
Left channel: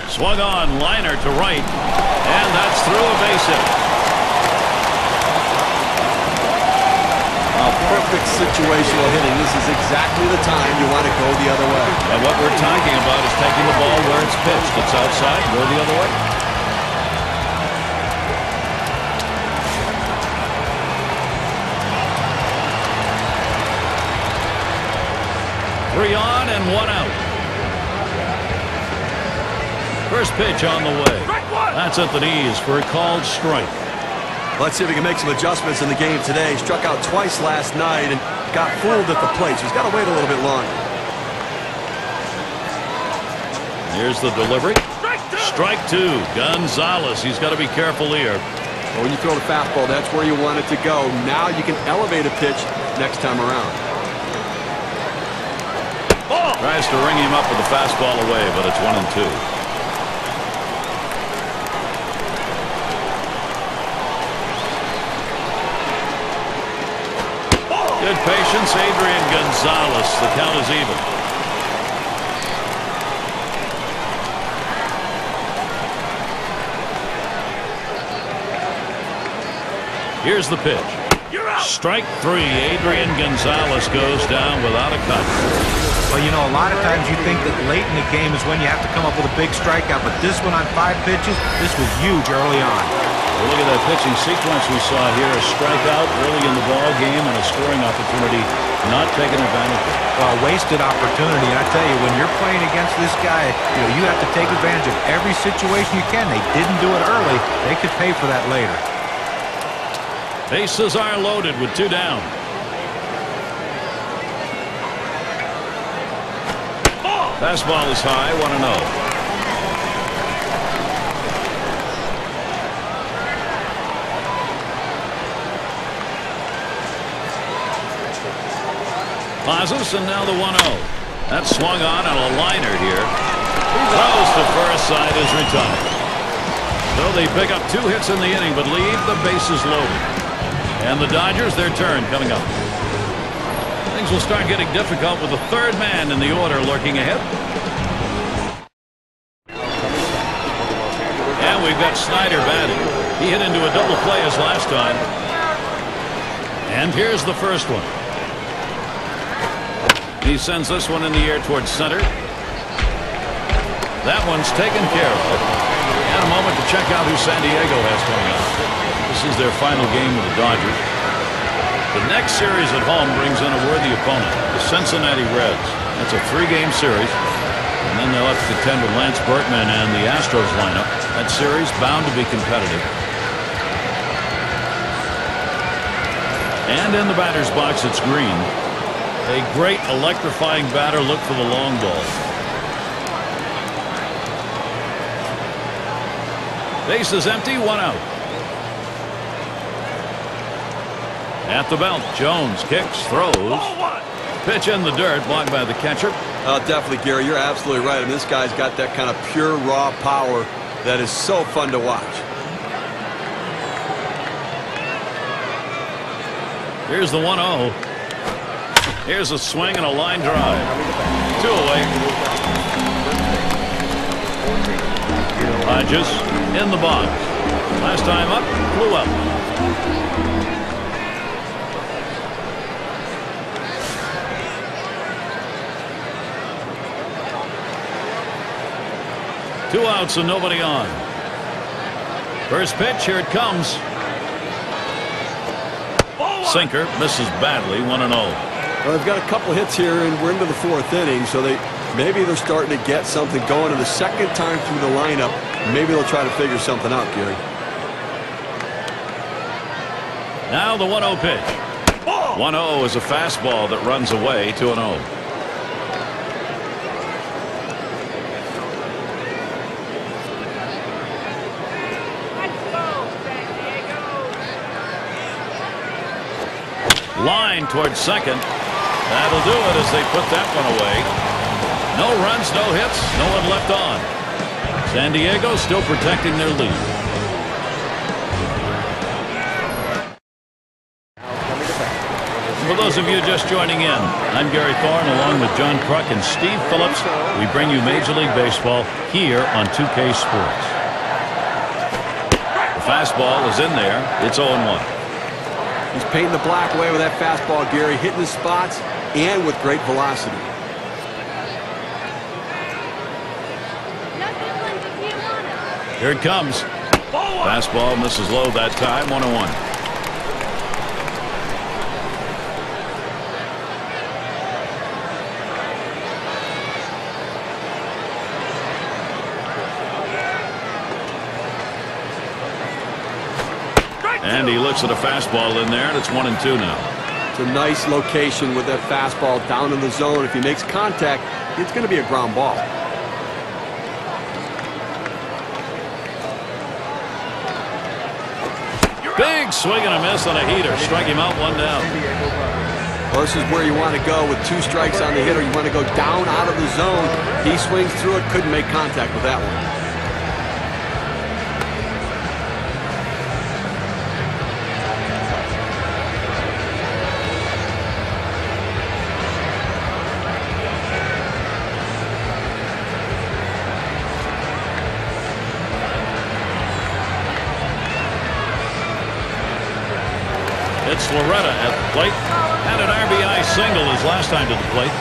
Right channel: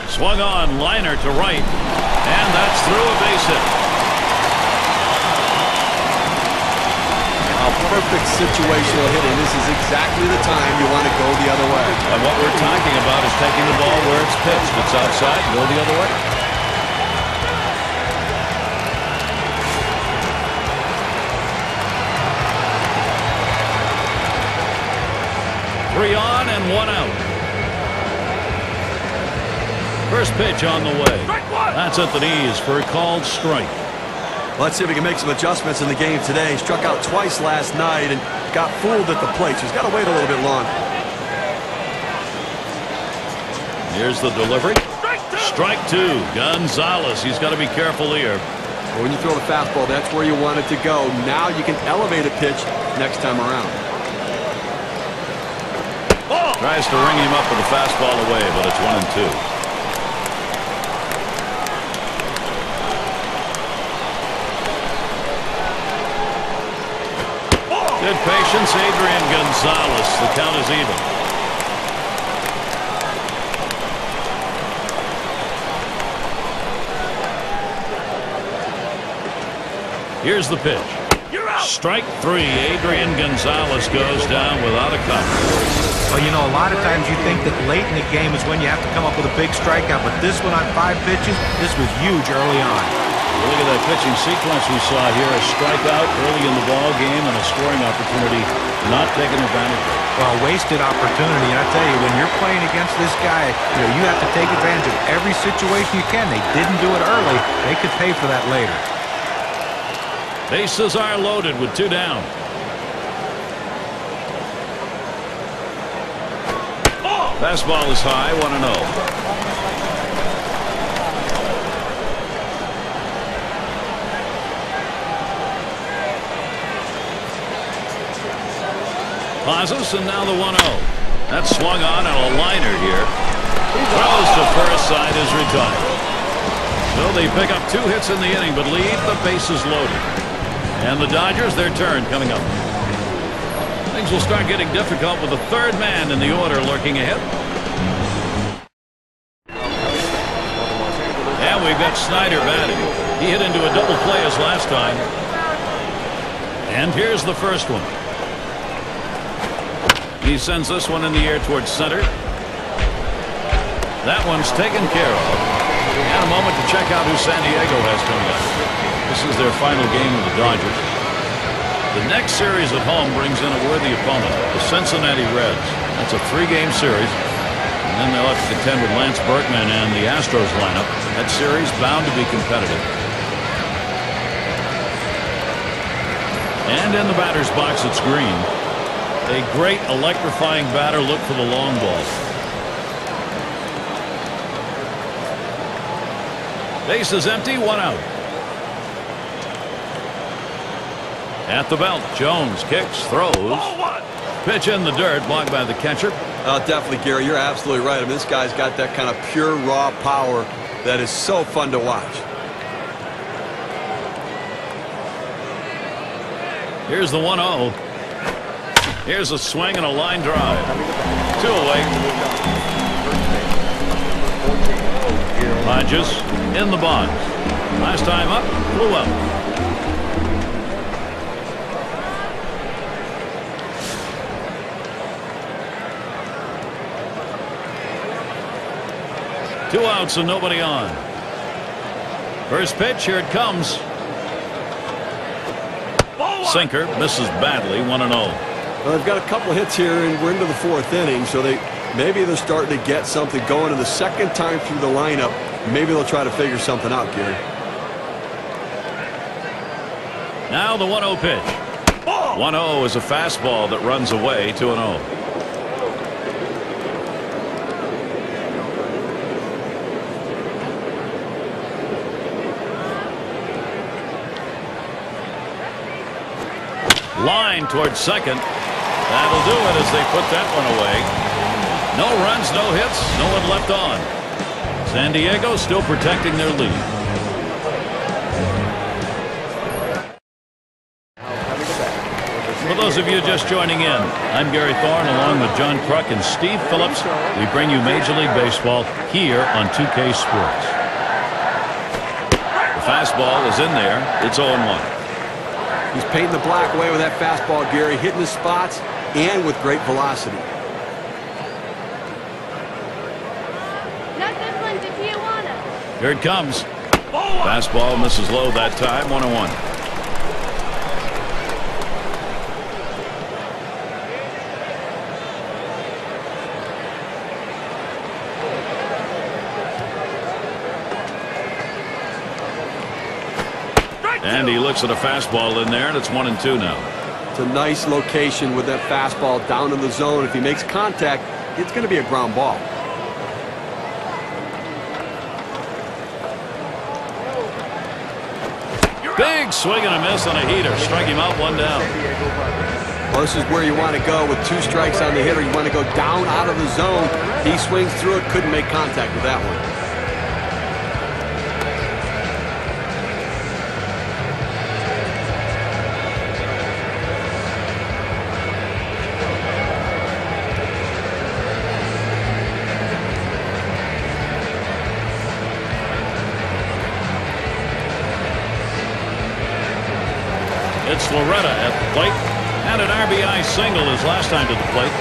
Swung on, liner to right. And that's through a base hit. Perfect situational hitting. This is exactly the time you want to go the other way. And what we're talking about is taking the ball where it's pitched. It's outside, go the other way. Three on and 1 out. First pitch on the way. That's at the knees for a called strike. Let's see if he can make some adjustments in the game today. Struck out twice last night and got fooled at the plate, so he's got to wait a little bit longer. Here's the delivery. Strike 2. Gonzalez. He's got to be careful here. Well, when you throw the fastball, that's where you want it to go. Now you can elevate a pitch next time around. Tries to ring him up with the fastball away, but it's 1-2. Good patience, Adrian Gonzalez. The count is even. Here's the pitch. Strike 3. Adrian Gonzalez goes down without a cut. Well, you know, a lot of times you think that late in the game is when you have to come up with a big strikeout, but this one on 5 pitches, this was huge early on. Look at that pitching sequence we saw here. A strikeout early in the ball game and a scoring opportunity not taken advantage of. Well, a wasted opportunity. And I tell you, when you're playing against this guy, you have to take advantage of every situation you can. They didn't do it early. They could pay for that later. Bases are loaded with 2 down. Fastball is high, 1-0. Pauses, and now the 1-0. That's swung on a liner here. Throws to first, side is retired. So they pick up 2 hits in the inning, but leave the bases loaded. And the Dodgers, their turn coming up. Things will start getting difficult with the third man in the order lurking ahead. And we've got Snyder batting. He hit into a double play as last time. And here's the first one. He sends this one in the air towards center. That one's taken care of. And a moment to check out who San Diego has coming up. This is their final game with the Dodgers. The next series at home brings in a worthy opponent, the Cincinnati Reds. That's a 3-game series. And then they'll have to contend with Lance Berkman and the Astros lineup. That series bound to be competitive. And in the batter's box, it's Green. A great electrifying batter. Look for the long ball. Base is empty, 1 out. At the belt, Jones kicks, throws. Pitch in the dirt, blocked by the catcher. Definitely, Gary. You're absolutely right. I mean, this guy's got that kind of pure, raw power that is so fun to watch. Here's the 1-0. Here's a swing and a line drive. 2 away. Hodges in the box. Last time up, flew out. Two outs and nobody on. First pitch, here it comes. Sinker misses badly, 1-0. Well, they've got a couple hits here, and we're into the 4th inning, so maybe they're starting to get something going. And the second time through the lineup, maybe they'll try to figure something out, Gary. Now the 1-0 pitch. 1-0 is a fastball that runs away, 2-0. Line towards second. That'll do it as they put that one away. No runs, no hits, no one left on. San Diego still protecting their lead. And for those of you just joining in, I'm Gary Thorne along with John Kruk and Steve Phillips. We bring you Major League Baseball here on 2K Sports. The fastball is in there. It's 0-1. He's painting the black away with that fastball, Gary, hitting his spots and with great velocity. Here it comes. Fastball misses low that time, 1-1. And he looks at a fastball in there, and it's 1-2 now. It's a nice location with that fastball down in the zone. If he makes contact, it's going to be a ground ball. Big swing and a miss on a heater. Strike him out, 1 down. Well, this is where you want to go with 2 strikes on the hitter. You want to go down out of the zone. He swings through it, couldn't make contact with that one. It's Loretta at the plate. Had an RBI single his last time to the plate.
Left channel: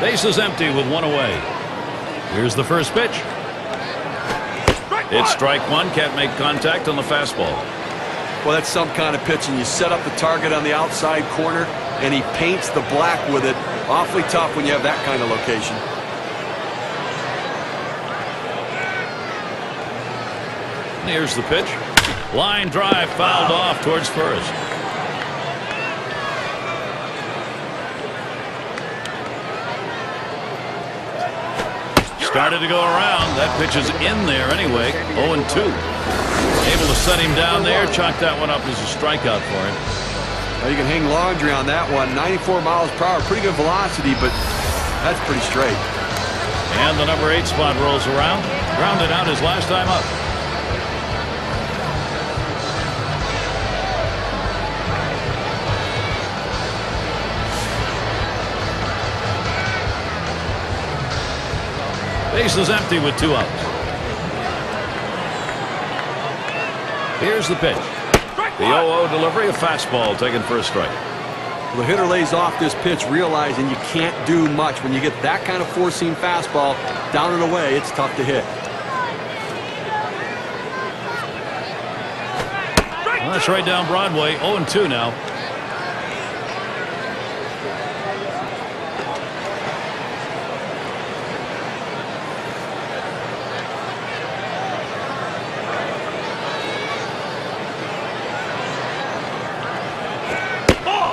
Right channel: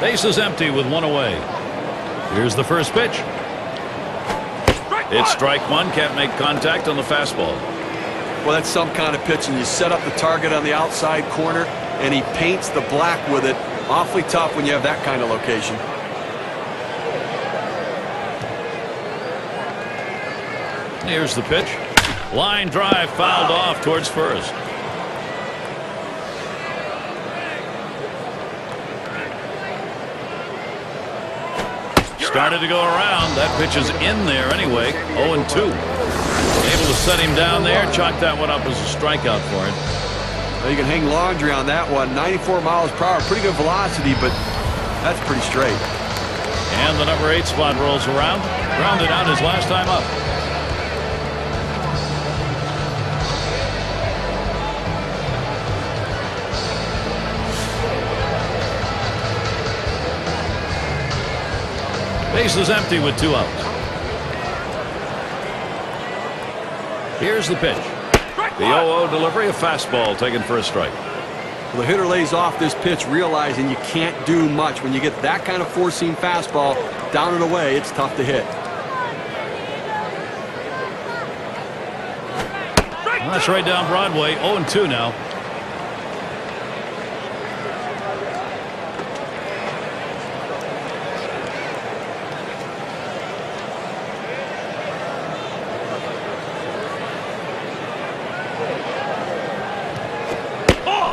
Base is empty with 1 away. Here's the first pitch. It's strike 1. Can't make contact on the fastball. Well, that's some kind of pitch, and you set up the target on the outside corner, and he paints the black with it. Awfully tough when you have that kind of location. Here's the pitch. Line drive fouled off towards first. Started to go around. That pitch is in there anyway. 0-2. Able to set him down there. Chalk that one up as a strikeout for him. Well, you can hang laundry on that one. 94 miles per hour. Pretty good velocity, but that's pretty straight. And the number 8 spot rolls around. Grounded out his last time up. Base is empty with 2 outs. Here's the pitch. The 0-0 delivery, a fastball taken for a strike. Well, the hitter lays off this pitch, realizing you can't do much. When you get that kind of four-seam fastball down and away, it's tough to hit. Well, that's right down Broadway. 0-2 now.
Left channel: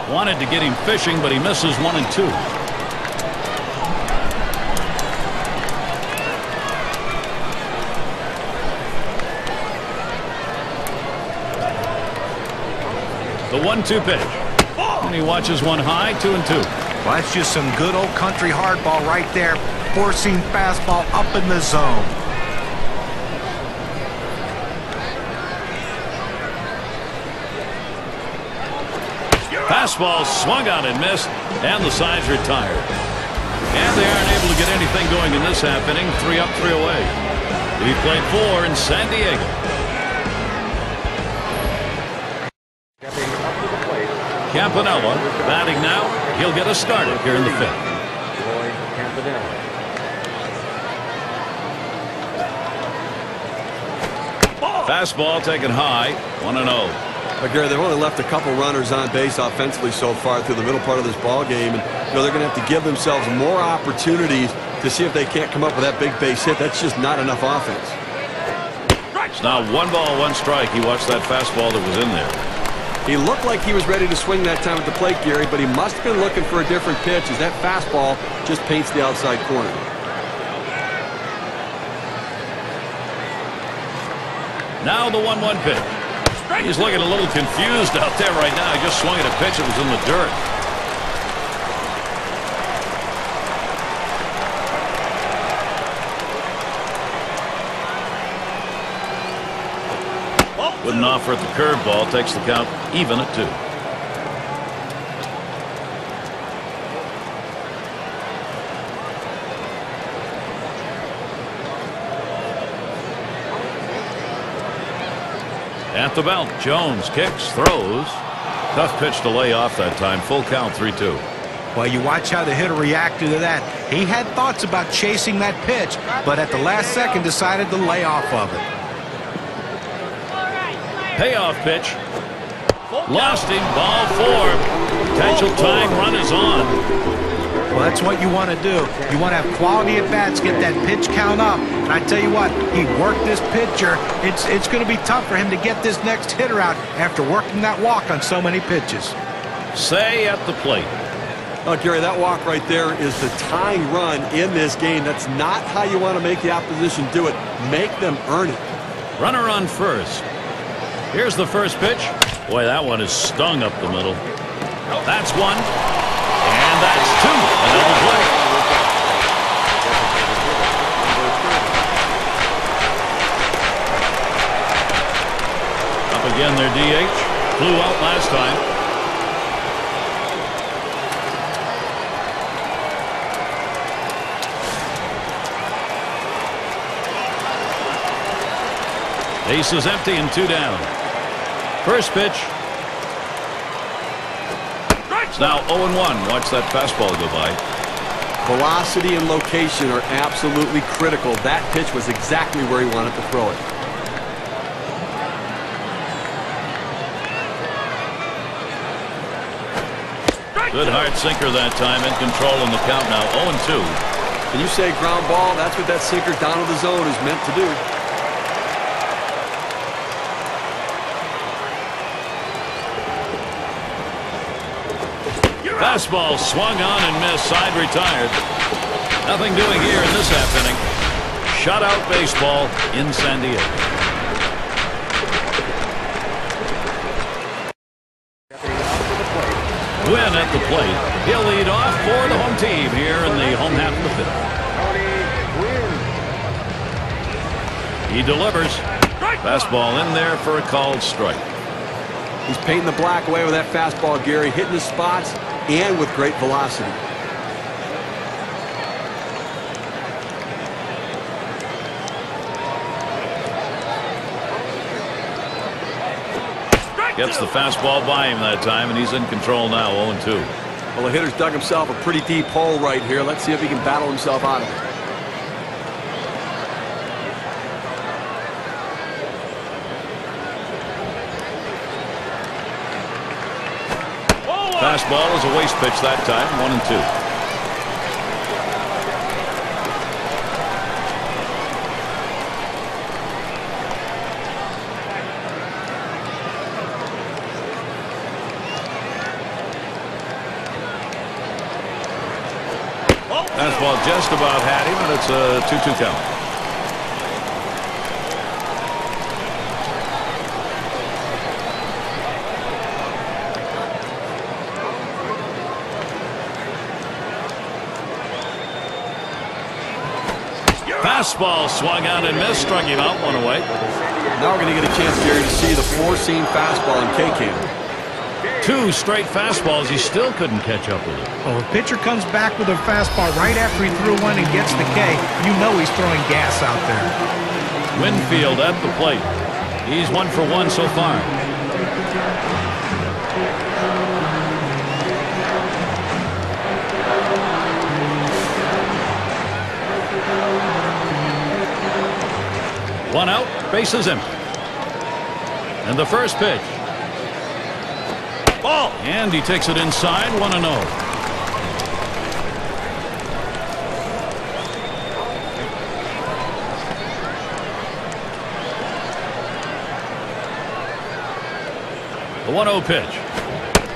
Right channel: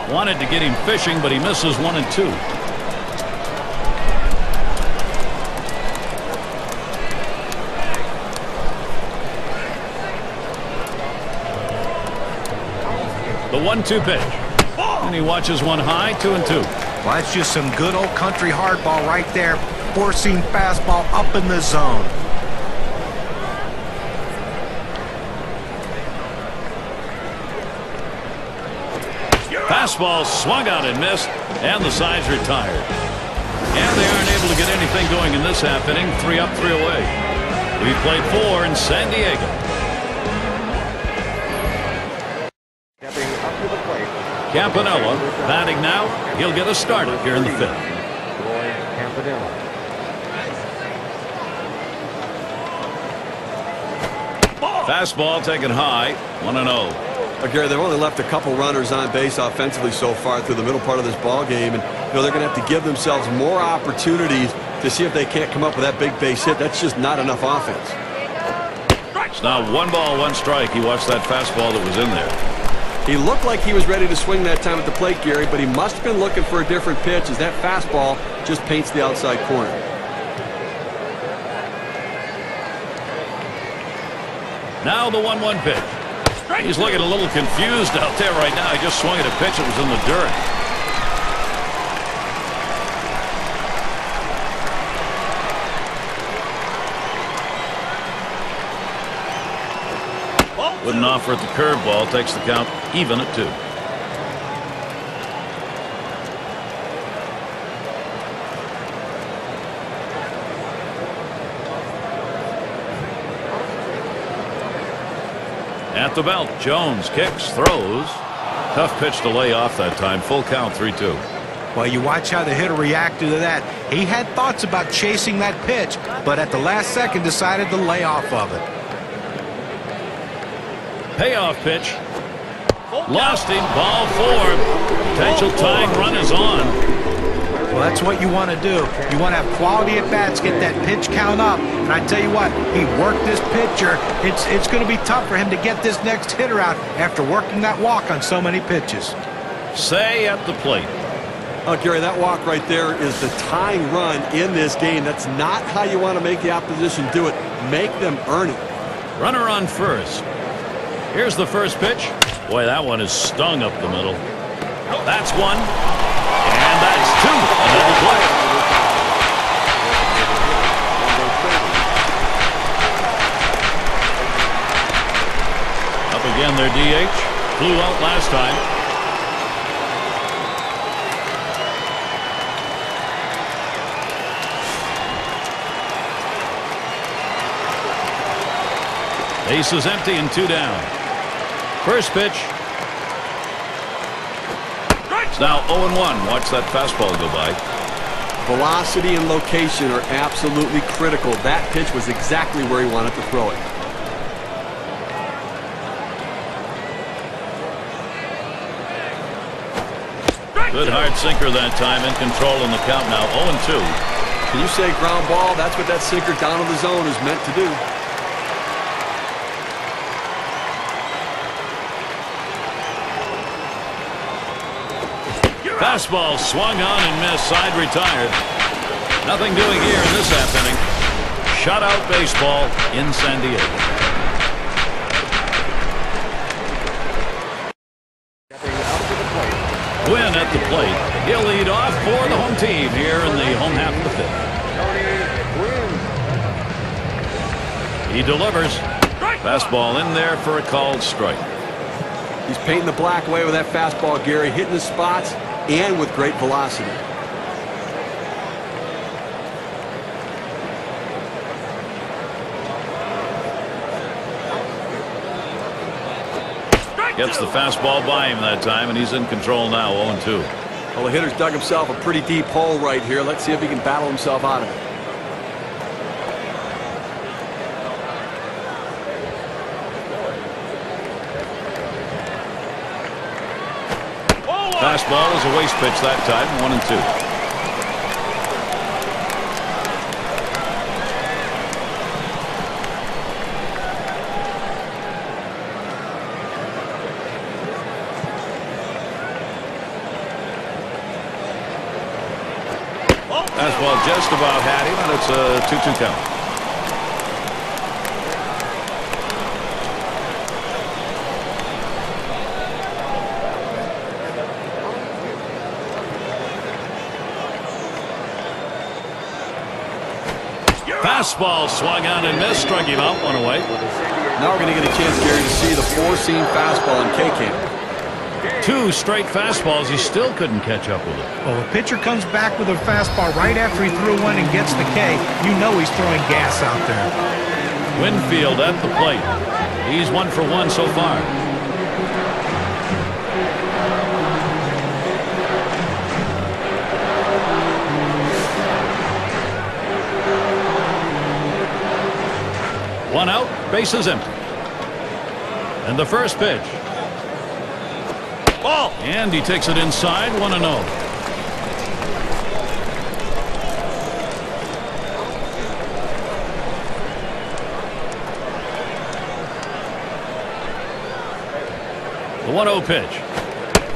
Wanted to get him fishing, but he misses 1 and 2. The 1-2 pitch. And he watches one high, 2 and 2. Well, that's just some good old country hardball right there. Four-seam fastball up in the zone. Fastball swung out and missed, and the side's retired. And they aren't able to get anything going in this half inning. 3 up, 3 away. We played 4 in San Diego. Campanella batting now. He'll get us started here in the 5th. Fastball taken high. 1-0. Gary, they've only left a couple runners on base offensively so far through the middle part of this ball game, and they're going to have to give themselves more opportunities to see if they can't come up with that big base hit. That's just not enough offense. It's now 1 ball, 1 strike. He watched that fastball that was in there. He looked like he was ready to swing that time at the plate, Gary, but he must have been looking for a different pitch as that fastball just paints the outside corner. Now the 1-1 pitch. He's looking a little confused out there right now. He just swung at a pitch that was in the dirt. Wouldn't offer at the curveball. Takes the count even at 2. At the belt, Jones kicks, throws. Tough pitch to lay off that time. Full count, 3-2. Well, you watch how the hitter reacted to that. He had thoughts about chasing that pitch, but at the last second decided to lay off of it. Payoff pitch. Lost him. Ball 4. Potential tying run is on. Well, that's what you want to do. You want to have quality at bats, get that pitch count up. And I tell you what, he worked this pitcher. It's going to be tough for him to get this next hitter out after working that walk on so many pitches. Say at the plate. Oh, Gary, that walk right there is the tying run in this game. That's not how you want to make the opposition do it. Make them earn it. Runner on first. Here's the first pitch. Boy, that one is stung up the middle. That's 1. And that's 2. A double play. Up again their DH. Flew out last time. Base is empty and 2 down. First pitch. It's now 0-1. Watch that fastball go by. Velocity and location are absolutely critical. That pitch was exactly where he wanted to throw it. Good hard sinker that time. In control in the count now. 0-2. Can you say ground ball? That's what that sinker down to the zone is meant to do. Fastball swung on and missed. Side retired. Nothing doing here in this half inning. Shutout baseball in San Diego. Win at the plate. He'll lead off for the home team here in the home half of the 5th. He delivers. Fastball in there for a called strike. He's painting the black away with that fastball, Gary, hitting the spots and with great velocity. Gets the fastball by him that time, and he's in control now, 0-2. Well, the hitter's dug himself a pretty deep hole right here. Let's see if he can battle himself out of it. Fastball is a waste pitch that time, 1-2. Fastball just about had him, and it's a 2-2 count. Fastball swung out and missed, struck him out, one away. Now we're going to get a chance, Gary, to see the four-seam fastball in K-Cam. 2 straight fastballs. He still couldn't catch up with it. Well, if a pitcher comes back with a fastball right after he threw one and gets the K, you know he's throwing gas out there. Winfield at the plate. He's 1 for 1 so far. One out, bases empty. And the first pitch. Ball! And he takes it inside, 1-0. The 1-0 pitch.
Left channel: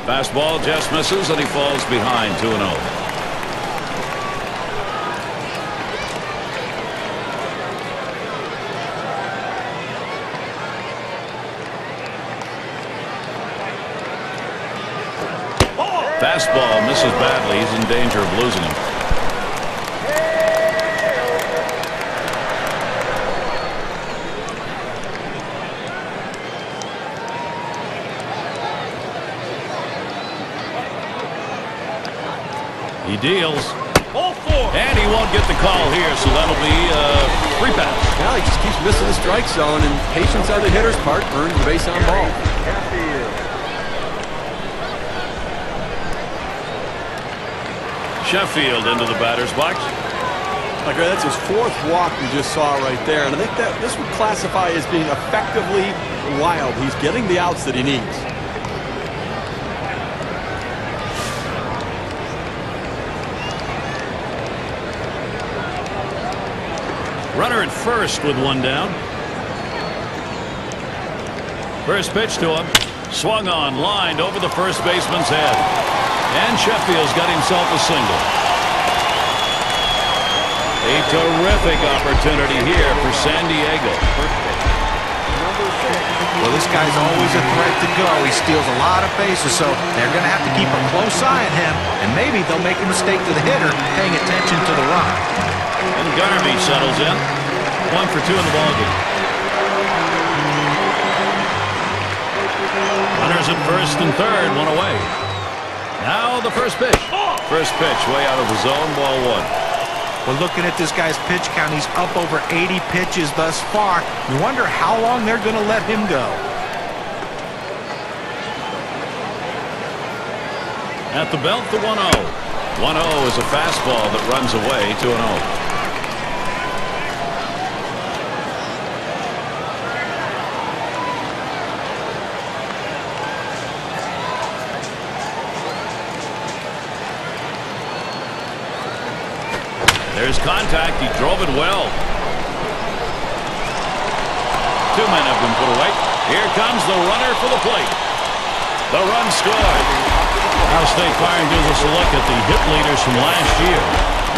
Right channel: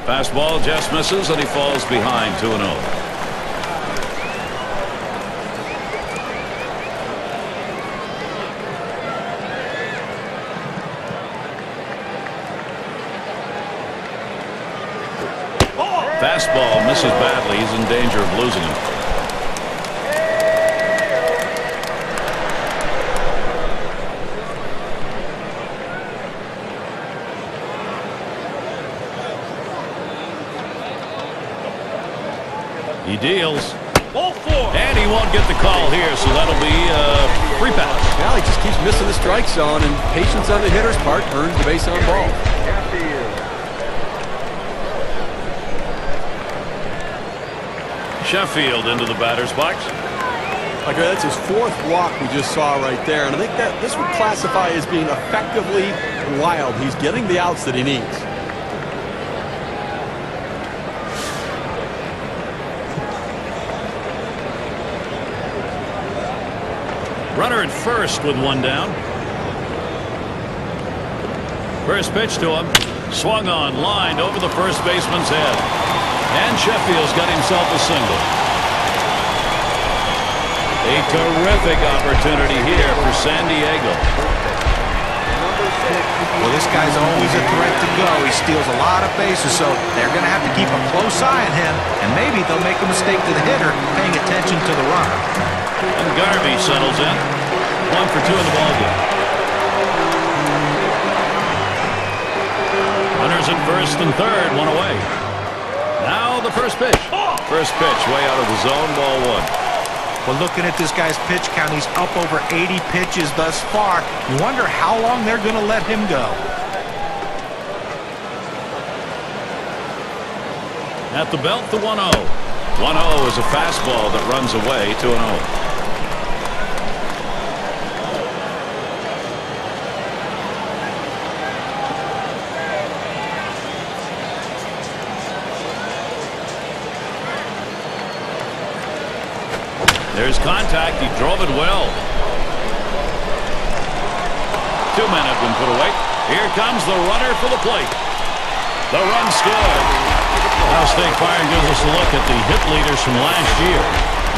Fastball just misses, and he falls behind, 2-0. Fastball misses badly. He's in danger of losing him. He deals. Ball 4. And he won't get the call here, so that'll be a free pass. Well, he just keeps missing the strike zone, and patience on the hitter's part earns the base on ball. Sheffield into the batter's box. Okay, that's his 4th walk we just saw right there, and I think that this would classify as being effectively wild. He's getting the outs that he needs. Runner at first with 1 down. First pitch to him. Swung on, lined over the first baseman's head. And Sheffield's got himself a single. A terrific opportunity here for San Diego. Well, this guy's always a threat to go. He steals a lot of bases, so they're going to have to keep a close eye on him. And maybe they'll make a mistake to the hitter, paying attention to the runner. And Garvey settles in. 1 for 2 in the ballgame. Runners at first and third, 1 away. Now the first pitch. First pitch way out of the zone, ball 1. Well, looking at this guy's pitch count, he's up over 80 pitches thus far. You wonder how long they're going to let him go. At the belt, the 1-0. 1-0 is a fastball that runs away, 2-0. There's contact. He drove it well. 2 men have been put away. Here comes the runner for the plate. The run scores. Now State Farm gives us a look at the hit leaders from last year.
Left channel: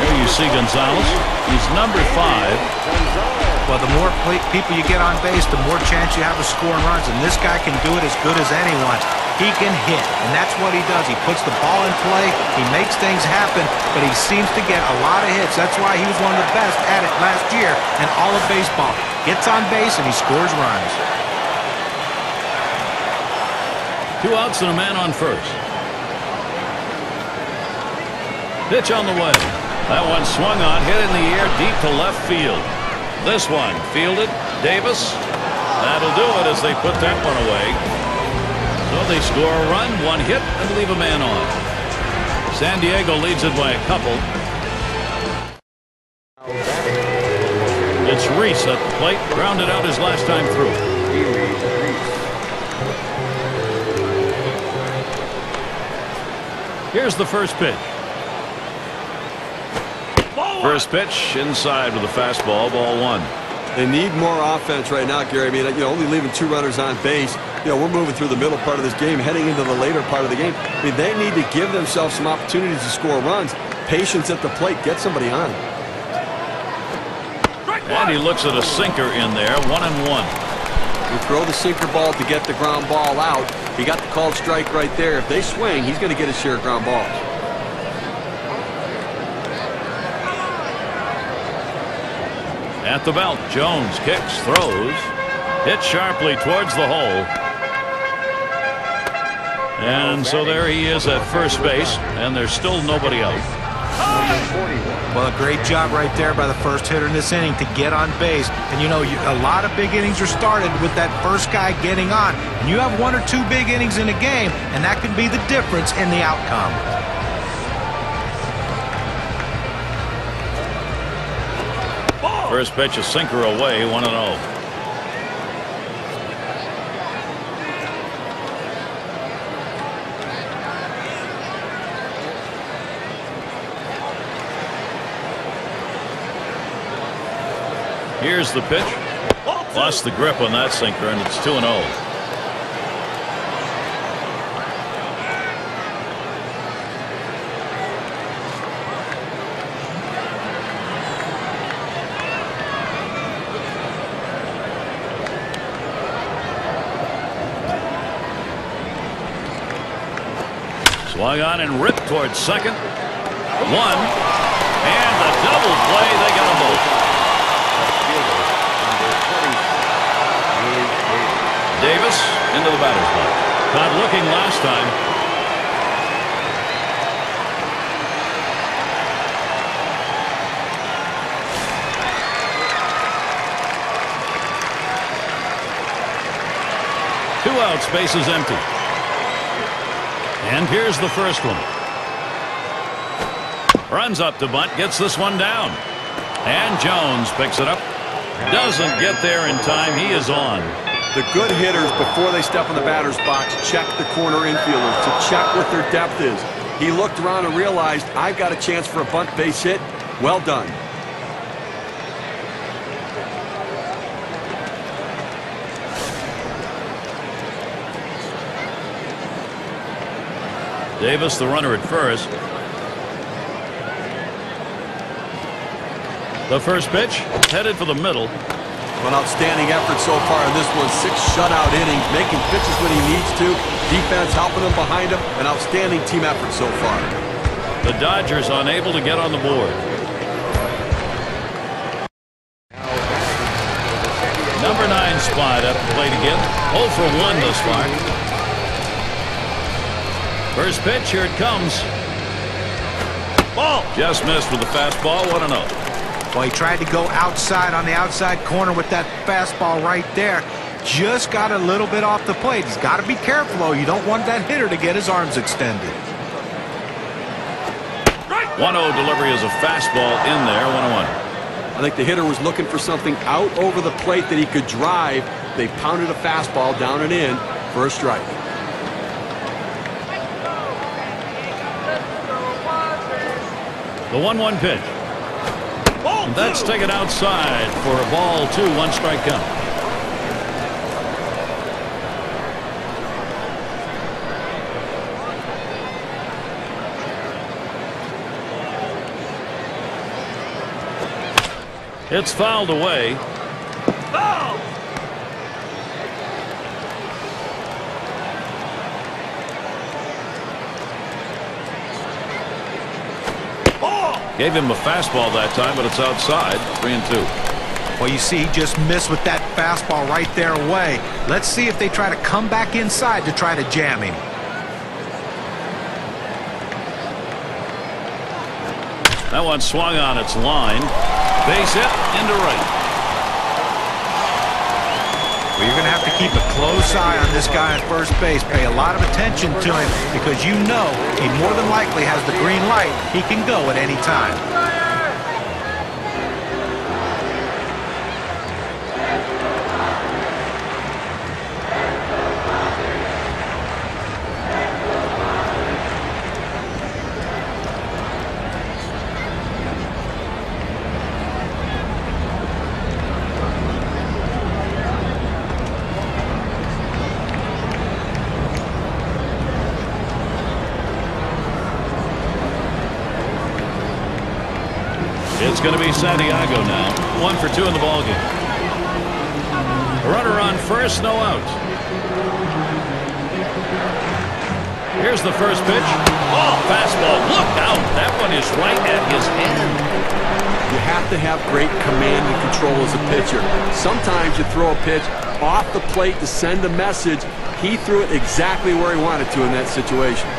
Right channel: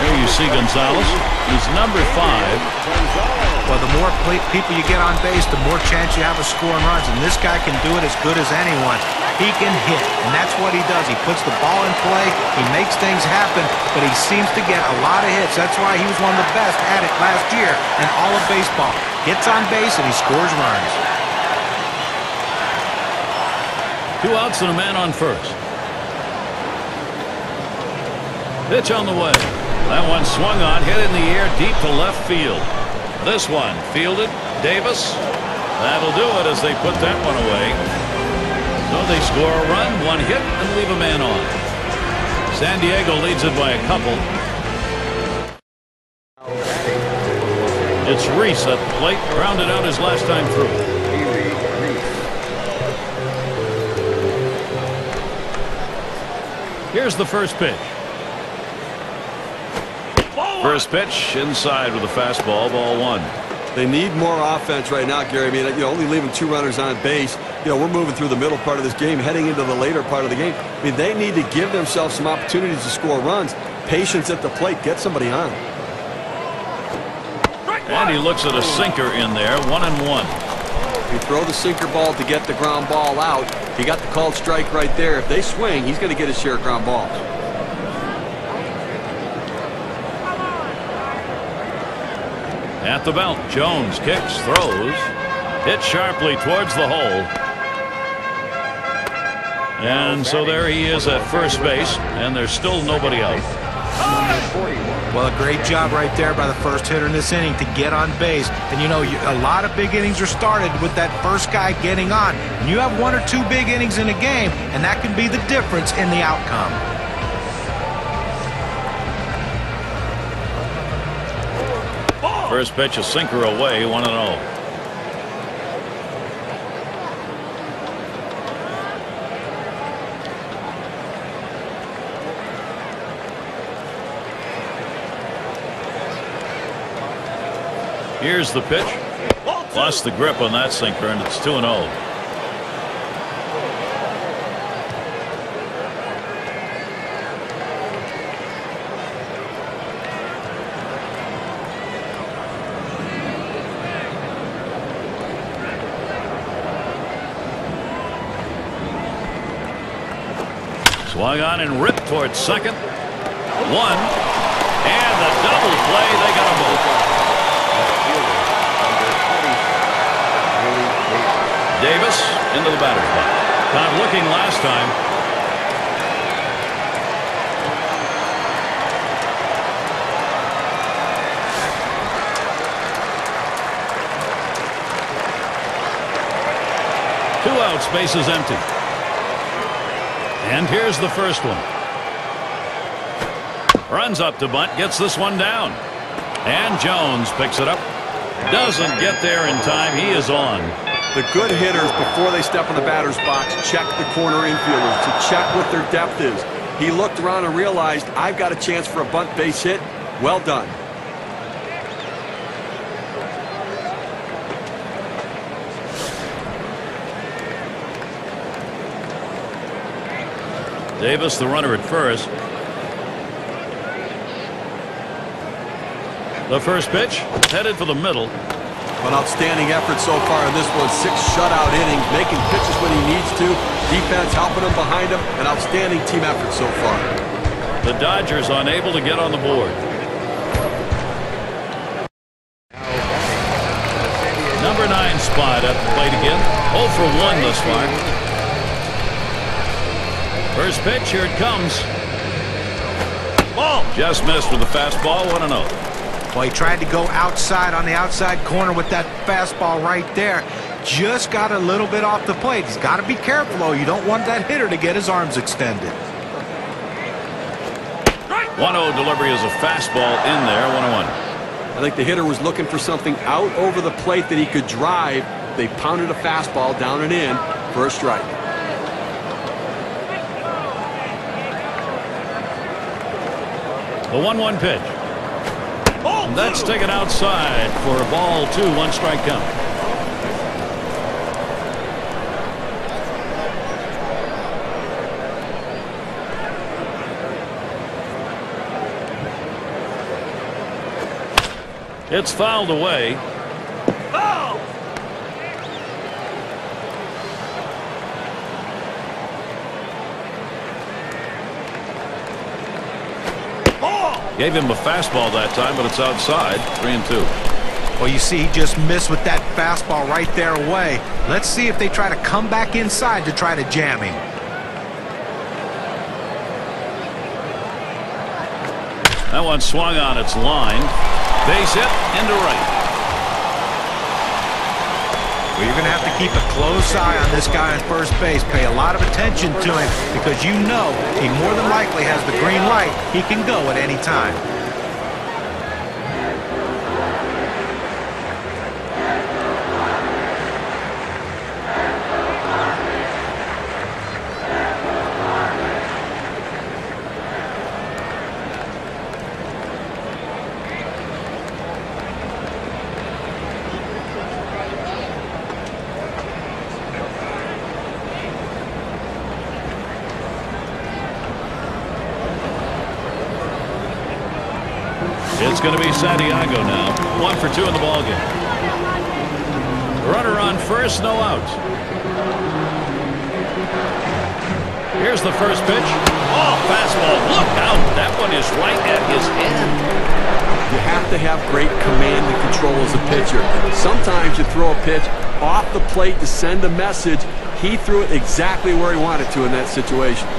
There you see Gonzalez. He's number 5. Well, the more people you get on base, the more chance you have of scoring runs. And this guy can do it as good as anyone. He can hit, and that's what he does. He puts the ball in play, he makes things happen, but he seems to get a lot of hits. That's why he was one of the best at it last year in all of baseball. Gets on base, and he scores runs. 2 outs and a man on first. Pitch on the way. That one swung on, hit in the air deep to left field. This one fielded. Davis. That'll do it as they put that one away. So they score a run, one hit, and leave a man on. San Diego leads it by a couple. It's Reese at the plate, grounded out his last time through. Here's the first pitch. First pitch inside with a fastball, ball one. They need more offense right now, Gary. I mean, only leaving 2 runners on base. We're moving through the middle part of this game, heading into the later part of the game. I mean, they need to give themselves some opportunities to score runs. Patience at the plate. Get somebody on. And he looks at a sinker in there, 1-1. You throw the sinker ball to get the ground ball out. He got the called strike right there. If they swing, he's going to get his share of ground balls. At the belt, Jones kicks, throws, hit sharply towards the hole. And so there he is at first base, and there's still nobody out. Well, a great job right there by the first hitter in this inning to get on base. And a lot of big innings are started with that first guy getting on. And you have 1 or 2 big innings in a game, and that can be the difference in the outcome. First pitch, a sinker away, 1-0. Here's the pitch. Lost the grip on that sinker, and it's 2-0. Swung on and ripped towards second. 1. And the double play. They got them both. Davis into the batter's box. Caught looking last time. Two outs, bases empty. And here's the first one. Runs up to bunt, gets this one down. And Jones picks it up. Doesn't get there in time. He is on. The good hitters, before they step in the batter's box, check the corner infielders to check what their depth is. He looked around and realized, I've got a chance for a bunt base hit. Well done. Davis, the runner at first. The first pitch, headed for the middle. An outstanding effort so far in this one. 6 shutout innings, making pitches when he needs to. Defense helping him behind him. An outstanding team effort so far. The Dodgers unable to get on the board. Number 9 spot at the plate again. 0 for 1 thus far. First pitch, here it comes. Ball. Just missed with the fastball, 1-0. Well, he tried to go outside on the outside corner with that fastball right there. Just got a little bit off the plate. He's got to be careful, though. You don't want that hitter to get his arms extended. 1-0 delivery is a fastball in there, 1-1. I think the hitter was looking for something out over the plate that he could drive. They pounded a fastball down and in for a strike. The 1-1 pitch. And that's taken outside for a ball 2, 1 strike count. It's fouled away. Foul! Gave him a fastball that time, but it's outside. 3-2. Well, you see, he just missed with that fastball right there away. Let's see if they try to come back inside to try to jam him. That one swung on its line. Base hit into right. Well, you're going to have to keep a close eye on this guy on first base. Pay a lot of attention to him because you know he more than likely has the green light. He can go at any time. It's going to be Santiago now. 1 for 2 in the ballgame. A runner on first, no outs. Here's the first pitch. Oh, fastball. Look out. That one is right at his hand. You have to have great command and control as a pitcher. Sometimes you throw a pitch off the plate to send a message. He threw it exactly where he wanted to in that situation.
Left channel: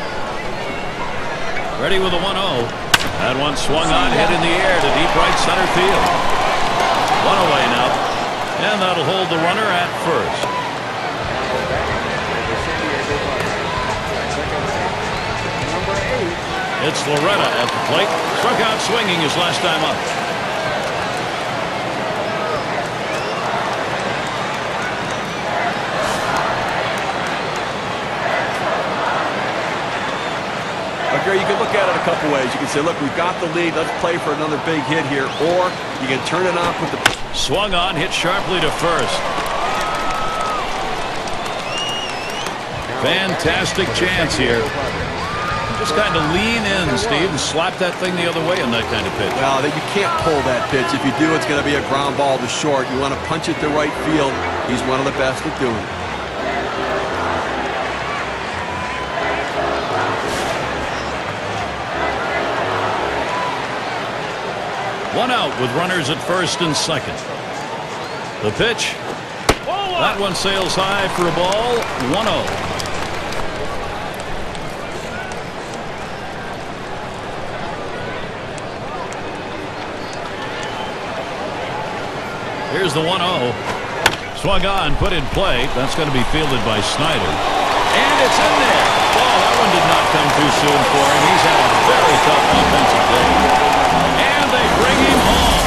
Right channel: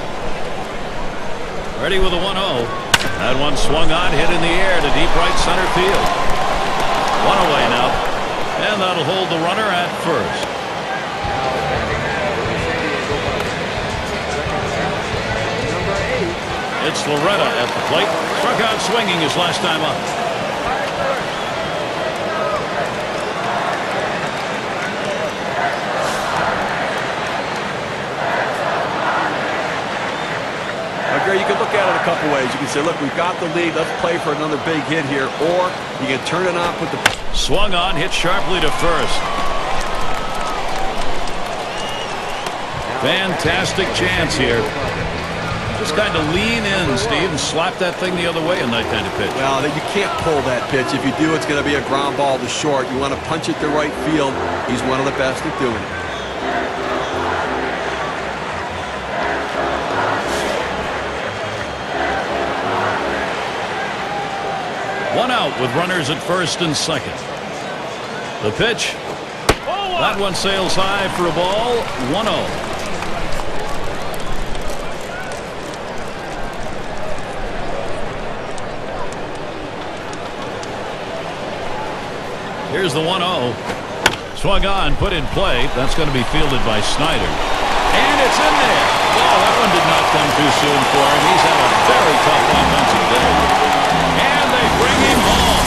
Ready with a 1-0. That one swung on, hit in the air to deep right center field. One away now. And that'll hold the runner at first. It's Loretta at the plate. Struck out swinging his last time up. Gary, you can look at it a couple ways. You can say, look, we've got the lead. Let's play for another big hit here. Or you can turn it on, put the... Swung on, hit sharply to first. Fantastic chance here. Just kind of lean in, Steve, and slap that thing the other way in that kind of pitch. Well, you can't pull that pitch. If you do, it's going to be a ground ball to short. You want to punch it to right field. He's one of the best at doing it. One out with runners at first and second. The pitch. That one sails high for a ball. 1-0. Here's the 1-0. Swung on, put in play. That's going to be fielded by Snyder. And it's in there. Oh, that one did not come too soon for him. He's had a very tough offensive day. And they bring him home.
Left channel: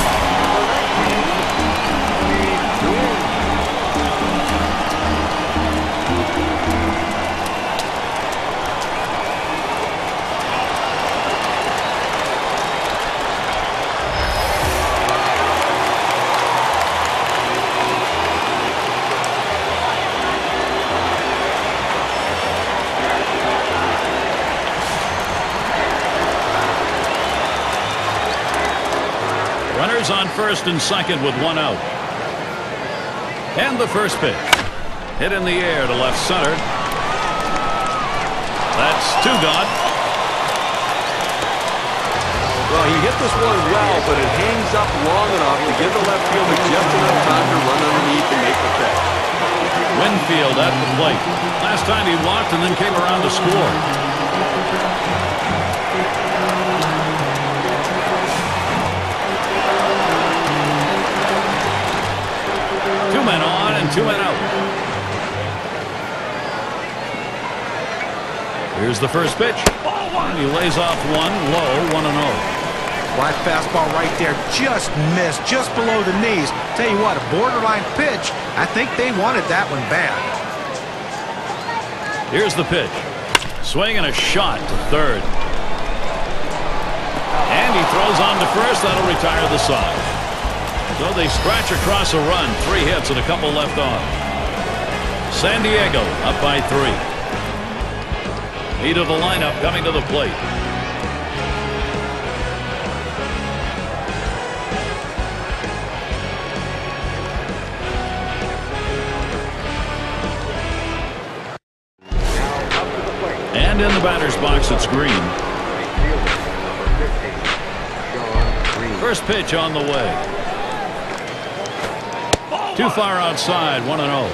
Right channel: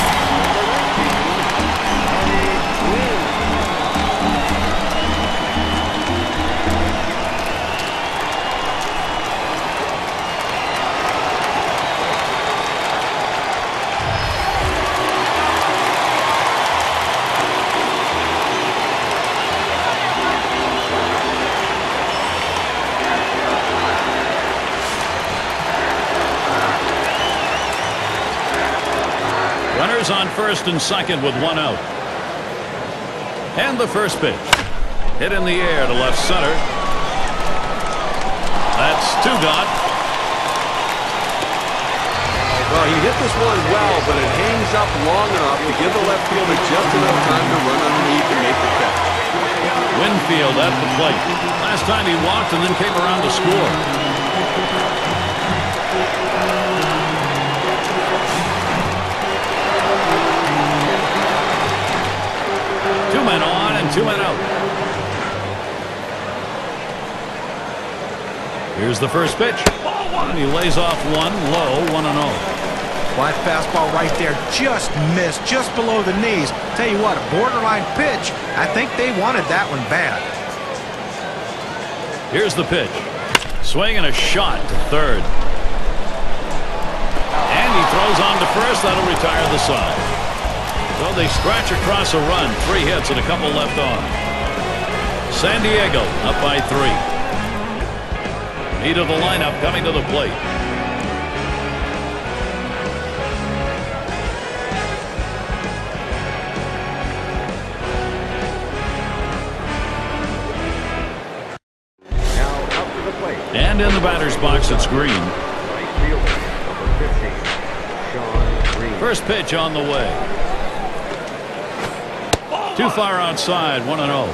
Runners on first and second with one out. And the first pitch. Hit in the air to left center. That's two gone. Well, he hit this one well, but it hangs up long enough to give the left fielder just enough time to run underneath and make the catch. Winfield at the plate. Last time he walked and then came around to score. Two men on and two men out. Here's the first pitch. And he lays off one low, 1-0. Well, that fastball right there just missed, just below the knees. Tell you what, a borderline pitch. I think they wanted that one bad. Here's the pitch. Swing and a shot to third. And he throws on to first. That'll retire the side. So they scratch across a run. 3 hits and a couple left on. San Diego up by 3. Meat of the lineup coming to the plate. And in the batter's box, it's Green. First pitch on the way. Too far outside, 1-0.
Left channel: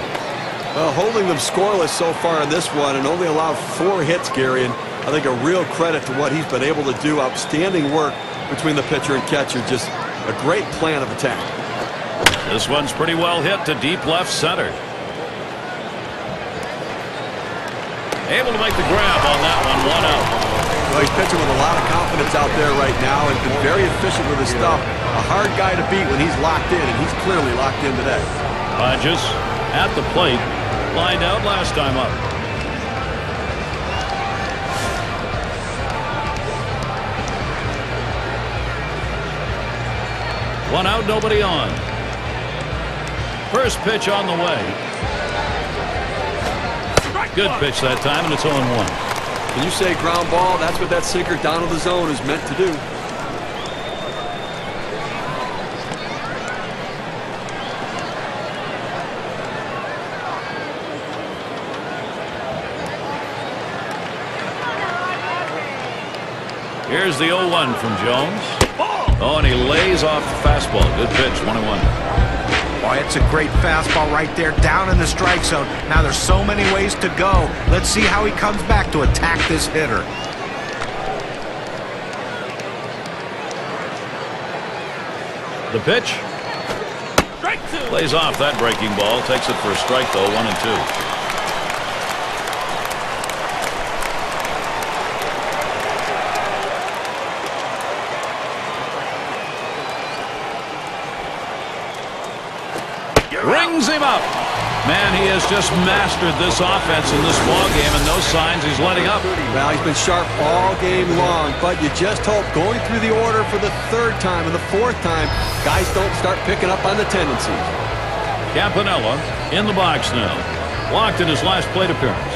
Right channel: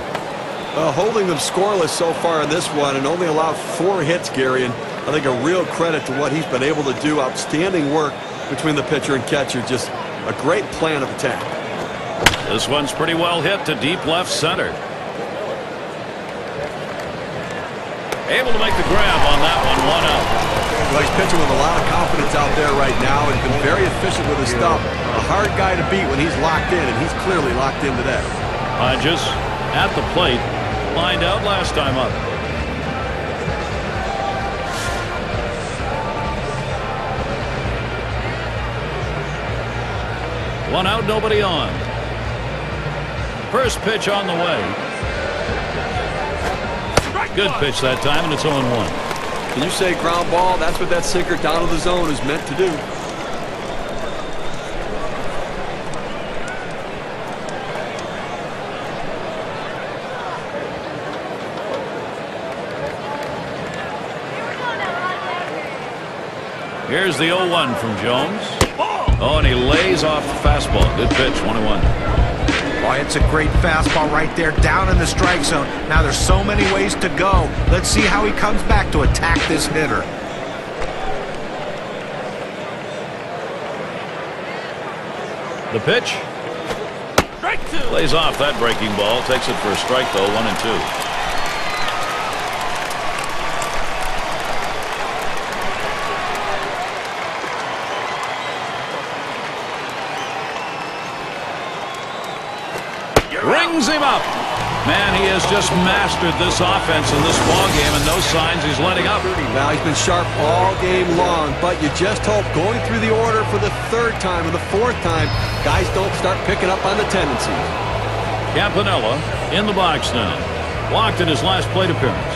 Well, holding them scoreless so far in this one and only allowed 4 hits, Gary, and I think a real credit to what he's been able to do. Outstanding work between the pitcher and catcher. Just a great plan of attack. This one's pretty well hit to deep left center. Able to make the grab on that one. 1 out. Well, he's pitching with a lot of confidence out there right now and been very efficient with his stuff. A hard guy to beat when he's locked in, and he's clearly locked in today. Hodges at the plate. Lined out last time up. One out, nobody on. First pitch on the way. Good pitch that time, and it's 0-1. Can you say ground ball? That's what that sinker down to the zone is meant to do. Here's the 0-1 from Jones. Oh, and he lays off the fastball. Good pitch, 1-1. Boy, it's a great fastball right there, down in the strike zone. Now there's so many ways to go. Let's see how he comes back to attack this hitter. The pitch. Strike 2. Lays off that breaking ball. Takes it for a strike, though. 1-2. Rings him up. Man, he has just mastered this offense in this ball game, and no signs he's letting up. Well, he's been sharp all game long, but you just hope going through the order for the 3rd time and the 4th time, guys don't start picking up on the tendencies. Campanella in the box now. Walked in his last plate appearance.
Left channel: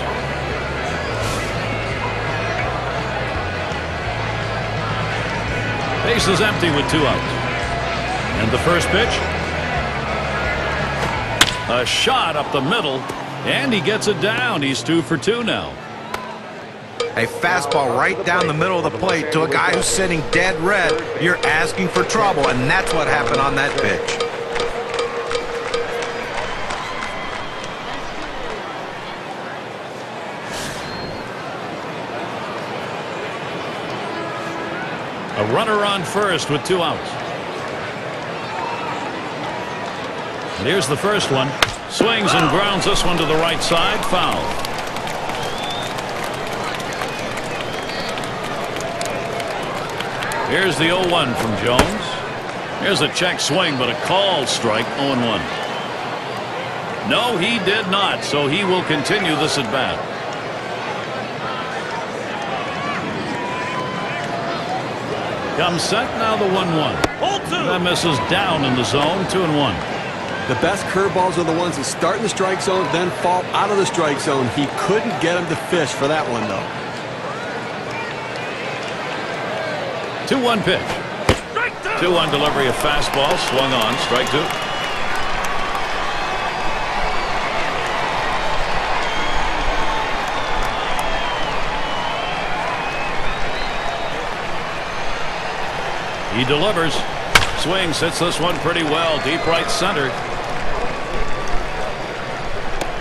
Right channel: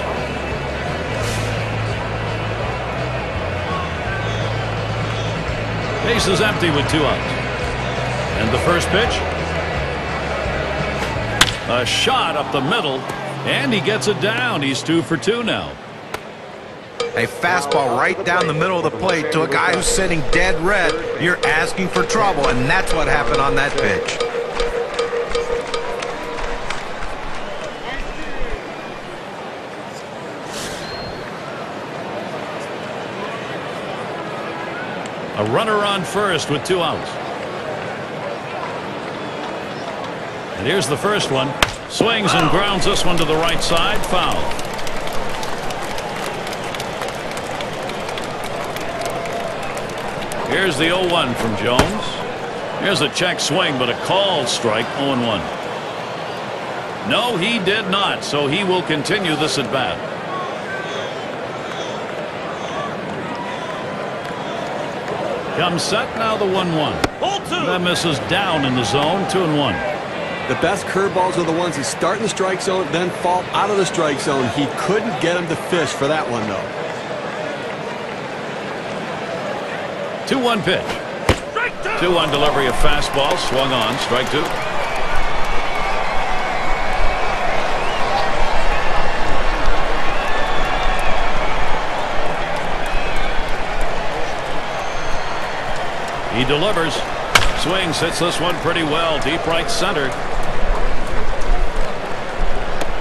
Base is empty with 2 outs. And the first pitch. A shot up the middle, and he gets it down. He's 2 for 2 now. A fastball right down the middle of the plate to a guy who's sitting dead red. You're asking for trouble, and that's what happened on that pitch. A runner on first with 2 outs. And here's the first one. Swings and grounds this one to the right side. Foul. Here's the 0-1 from Jones. Here's a check swing, but a called strike. 0-1. No, he did not, so he will continue this at bat. Comes set, now the 1-1. That misses down in the zone. 2-1. The best curveballs are the ones that start in the strike zone, then fall out of the strike zone. He couldn't get him to fish for that one, though. 2-1 pitch. 2-1 delivery of fastball. Swung on. Strike 2. He delivers. Swings, hits this one pretty well. Deep right center.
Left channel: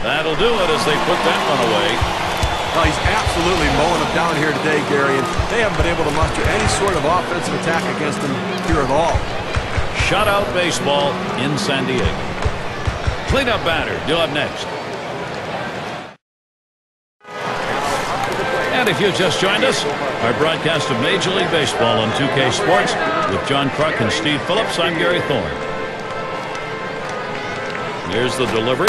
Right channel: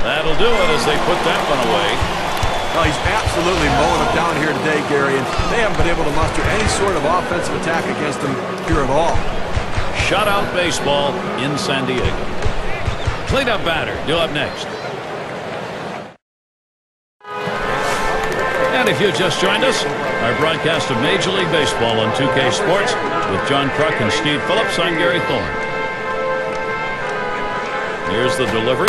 That'll do it as they put that one away. Well, he's absolutely mowing them down here today, Gary, and they haven't been able to muster any sort of offensive attack against him here at all. Shutout baseball in San Diego. Cleanup batter due up next. And if you just joined us, our broadcast of Major League Baseball on 2K Sports with John Kruk and Steve Phillips. I'm Gary Thorne. Here's the delivery.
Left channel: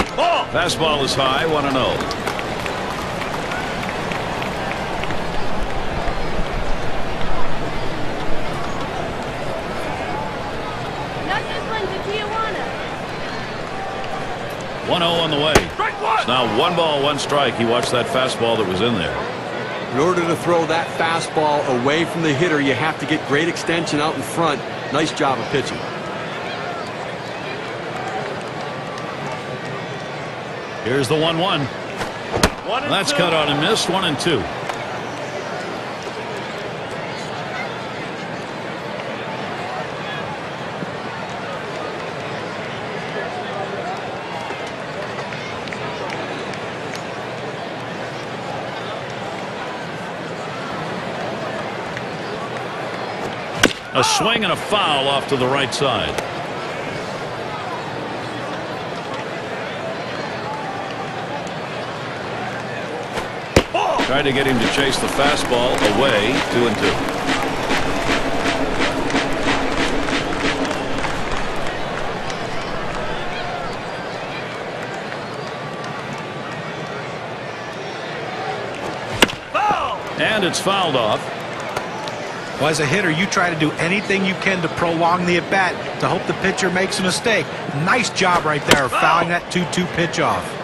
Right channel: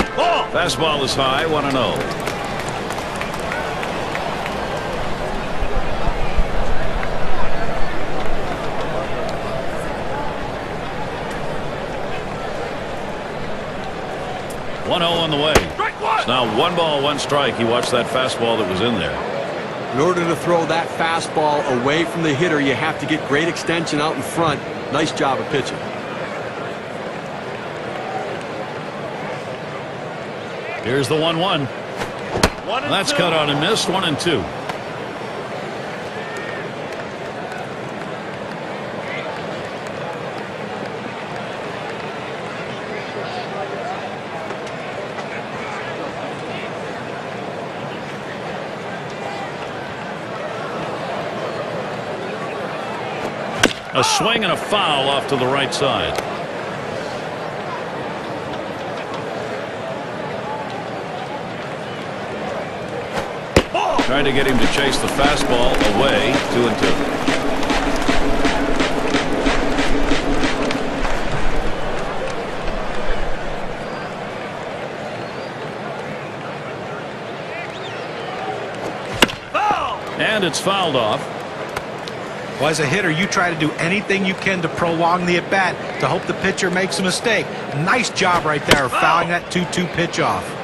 Fastball is high, 1-0. Got this one to Tijuana. 1-0 on the way. It's now 1 ball, 1 strike. He watched that fastball that was in there. In order to throw that fastball away from the hitter, you have to get great extension out in front. Nice job of pitching. Here's the 1-1. That's cut out and missed. 1-2. A swing and a foul off to the right side. Tried to get him to chase the fastball away. 2-2. And it's fouled off. Well, as a hitter, you try to do anything you can to prolong the at-bat to hope the pitcher makes a mistake. Nice job right there, fouling that 2-2 pitch off.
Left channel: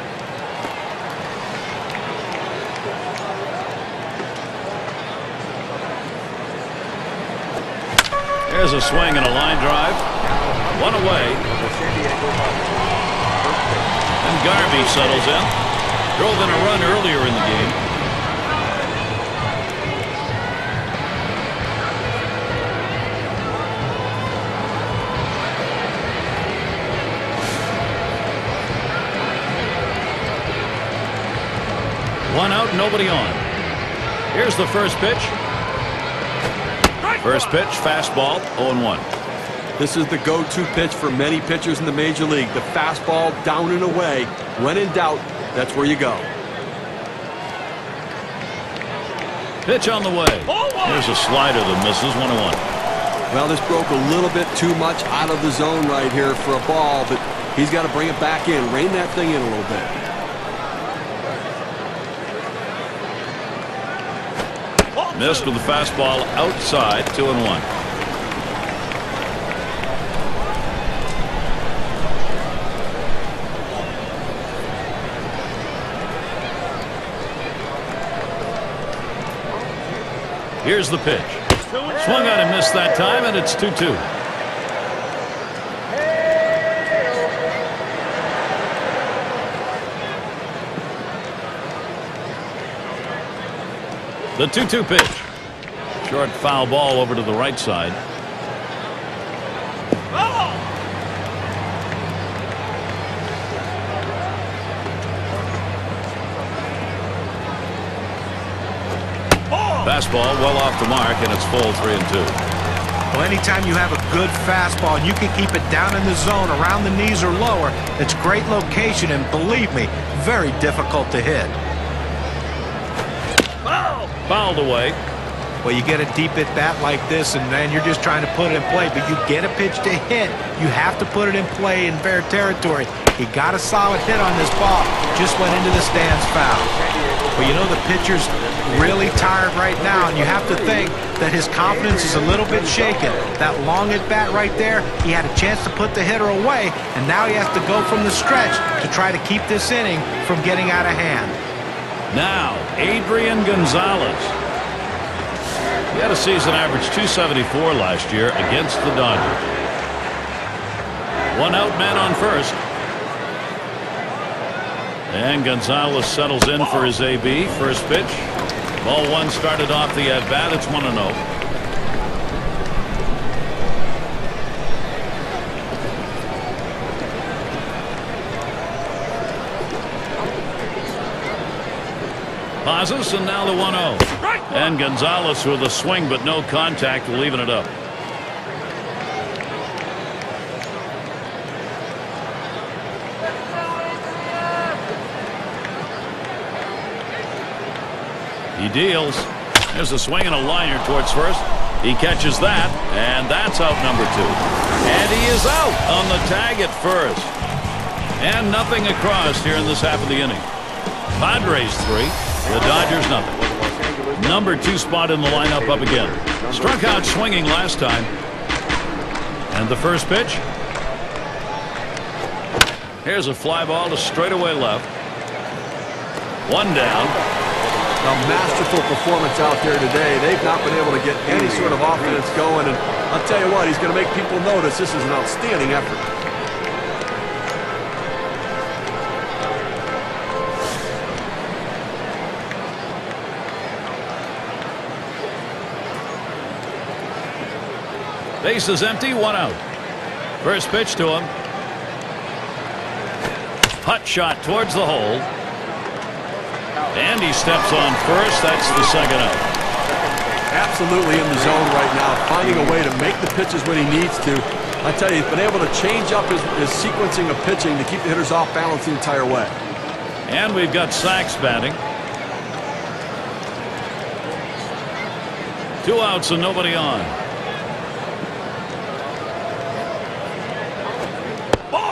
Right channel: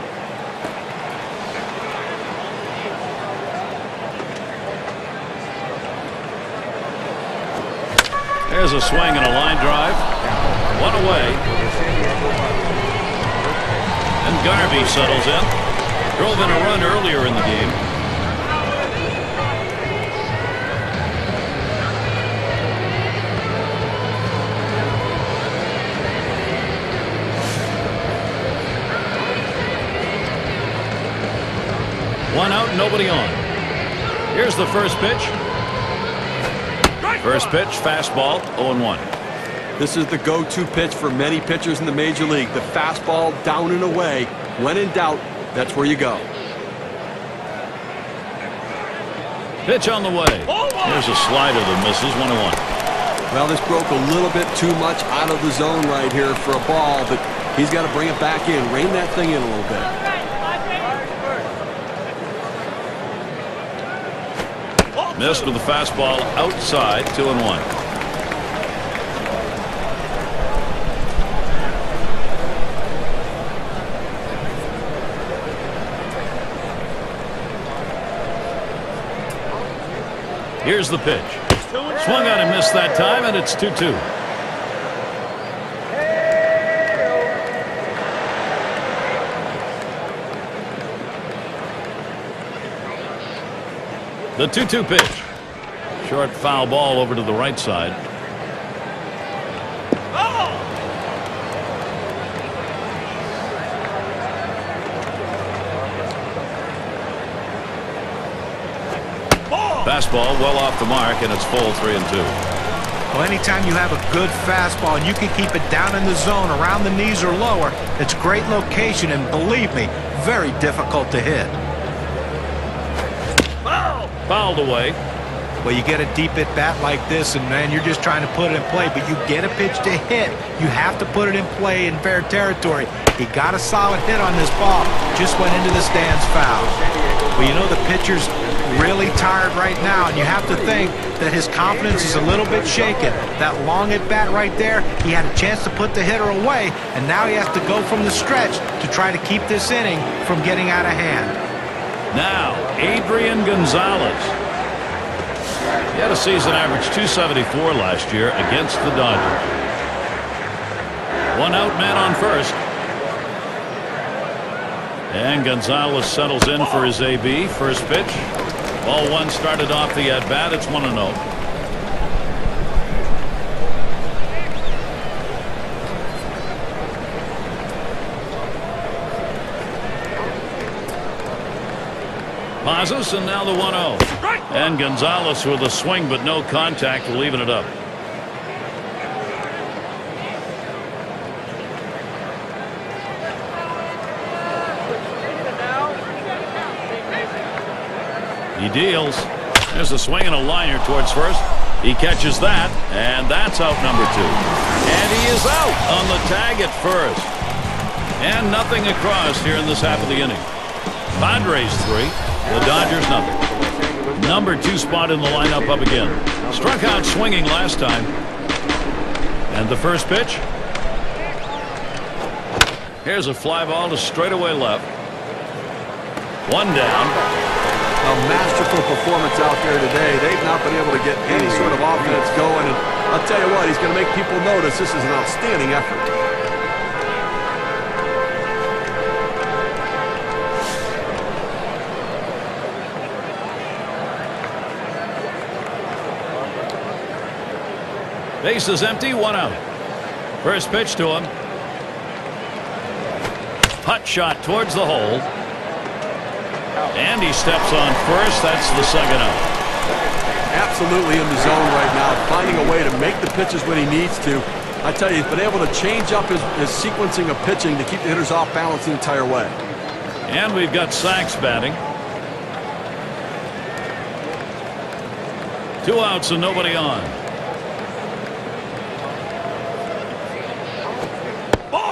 There's a swing and a line drive. One away. And Garvey settles in. Drove in a run earlier in the game. One out, nobody on. Here's the first pitch. First pitch, fastball, 0-1. This is the go-to pitch for many pitchers in the major league. The fastball down and away. When in doubt, that's where you go. Pitch on the way. There's a slider that misses. 1-1. Well, this broke a little bit too much out of the zone right here for a ball, but he's got to bring it back in. Rein that thing in a little bit. Missed with the fastball outside. 2-1. Here's the pitch. Swung on and missed that time, and it's 2-2. The 2-2 pitch. Short foul ball over to the right side. Fastball well off the mark, and it's full. 3-2. Well, anytime you have a good fastball and you can keep it down in the zone around the knees or lower, it's great location, and believe me, very difficult to hit. Fouled away. Well, you get a deep at bat like this, and man, you're just trying to put it in play, but you get a pitch to hit, you have to put it in play in fair territory. He got a solid hit on this ball, just went into the stands foul. Well, you know the pitcher's really tired right now, and you have to think that his confidence is a little bit shaken. That long at bat right there, he had a chance to put the hitter away, and now he has to go from the stretch to try to keep this inning from getting out of hand. Now, Adrian Gonzalez. He had a season average 274 last year against the Dodgers. One out, man on first. And Gonzalez settles in for his AB. First pitch. Ball one started off the at-bat. It's 1-0. Pauses, and now the 1-0. And Gonzalez with a swing but no contact, leaving it up. He deals. There's a swing and a liner towards first. He catches that, and that's out number 2. And he is out on the tag at first. And nothing across here in this half of the inning. Padres 3, the Dodgers nothing. Number 2 spot in the lineup up again. Struck out swinging last time. And the first pitch. Here's a fly ball to straightaway left. One down. A masterful performance out there today. They've not been able to get any sort of offense going, and I'll tell you what, he's going to make people notice this is an outstanding effort. Base is empty, one out. First pitch to him. Putt shot towards the hole. And he steps on first. That's the second out. Absolutely in the zone right now, finding a way to make the pitches when he needs to. I tell you, he's been able to change up his sequencing of pitching to keep the hitters off balance the entire way. And we've got Sachs batting. 2 outs and nobody on.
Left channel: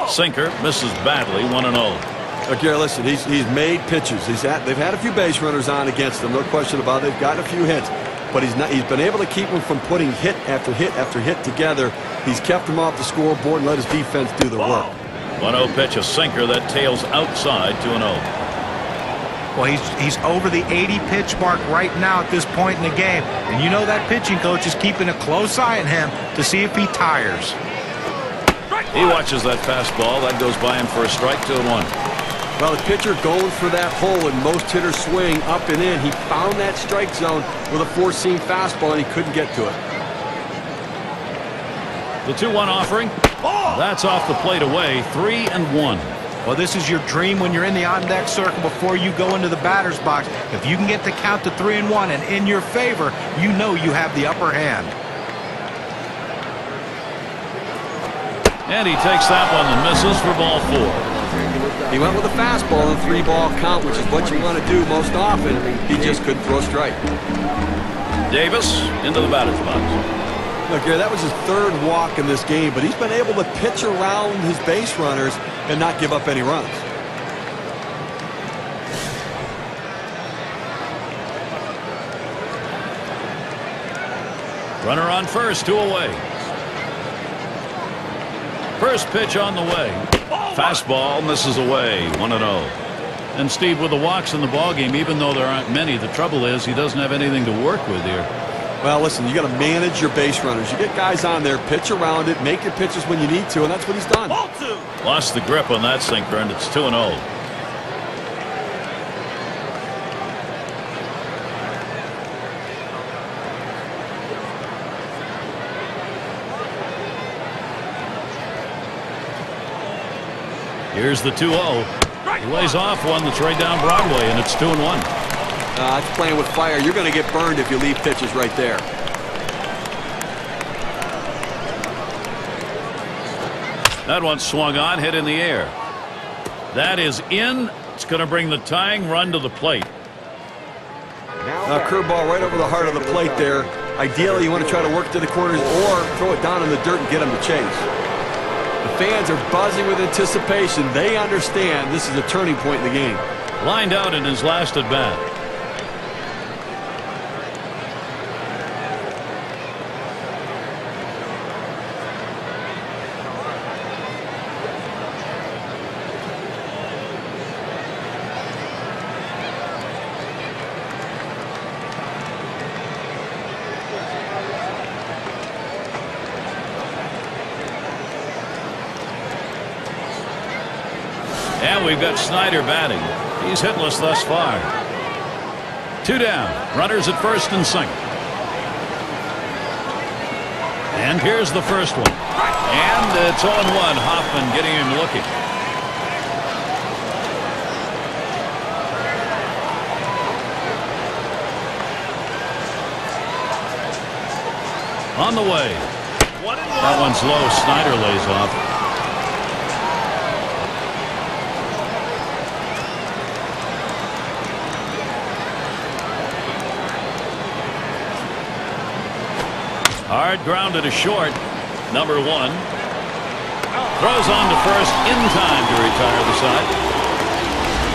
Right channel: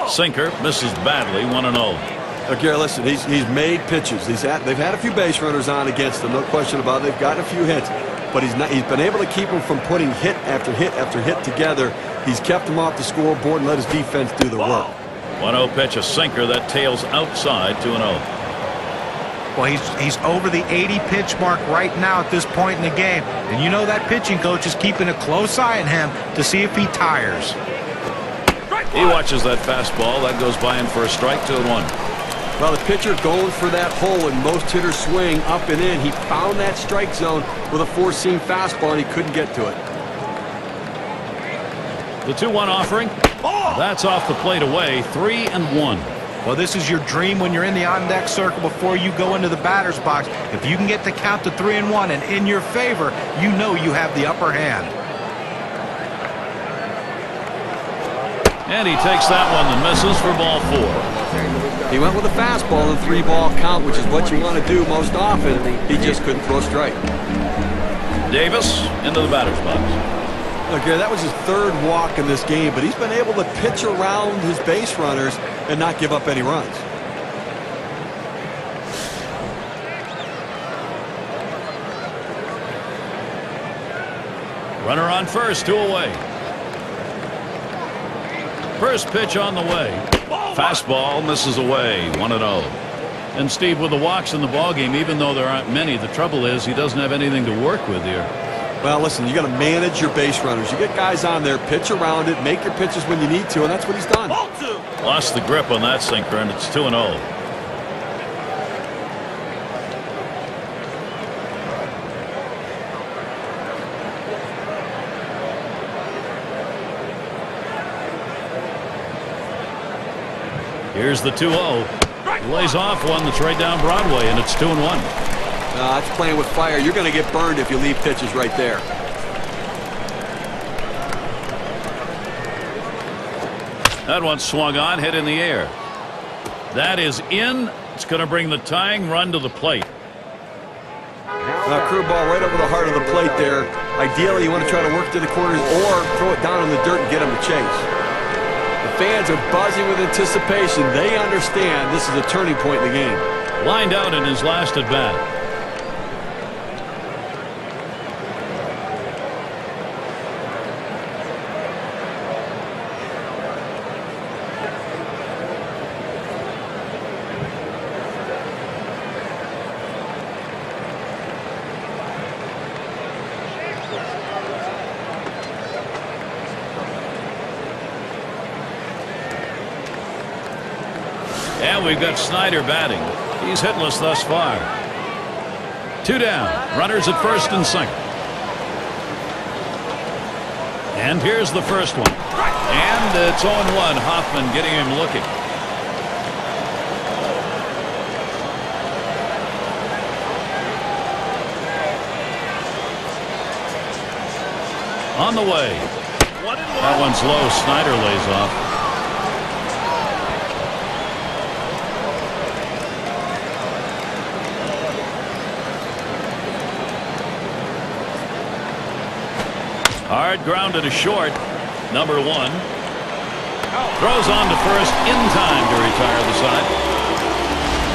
Sinker misses badly. 1-0. Gary, listen, he's made pitches. They've had a few base runners on against them, no question about it. They've gotten a few hits, but he's been able to keep them from putting hit after hit after hit together. He's kept them off the scoreboard and let his defense do the work. 1-0 pitch, a sinker that tails outside. 2-0. Well, he's over the 80 pitch mark right now at this point in the game, and you know that pitching coach is keeping a close eye on him to see if he tires. He watches that fastball that goes by him for a strike. 2-1. Well, the pitcher going for that hole, and most hitters swing up and in. He found that strike zone with a four-seam fastball, and he couldn't get to it. The 2-1 offering. That's off the plate away. 3-1. Well, this is your dream when you're in the on-deck circle before you go into the batter's box. If you can get the count to 3-1 and in your favor, you know you have the upper hand. And he takes that one and misses for ball 4. He went with a fastball and 3-ball count, which is what you want to do most often. He just couldn't throw strike. Davis into the batter's box. Look, Gary, that was his third walk in this game, but he's been able to pitch around his base runners and not give up any runs. Runner on first, 2 away. First pitch on the way. Fastball misses away. 1-0. And Steve, with the walks in the ballgame, even though there aren't many, the trouble is he doesn't have anything to work with here. Well, listen, you got to manage your base runners. You get guys on there, pitch around it, make your pitches when you need to, and that's what he's done. Lost the grip on that sinker, and it's 2-0. Here's the 2-0. He lays off one that's right down Broadway, and it's 2-1. That's playing with fire. You're going to get burned if you leave pitches right there. That one swung on, hit in the air. That is in. It's going to bring the tying run to the plate. Curveball right over the heart of the plate there. Ideally, you want to try to work to the corners or throw it down in the dirt and get him to chase. The fans are buzzing with anticipation. They understand this is a turning point in the game. Lined out in his last at bat. And we've got Snyder batting. He's hitless thus far. 2 down. Runners at first and second. And here's the first one. And it's 0-1. Hoffman getting him looking. On the way. That one's low. Snyder lays off. Hard grounded to short. Number 1. Throws on to first in time to retire the side.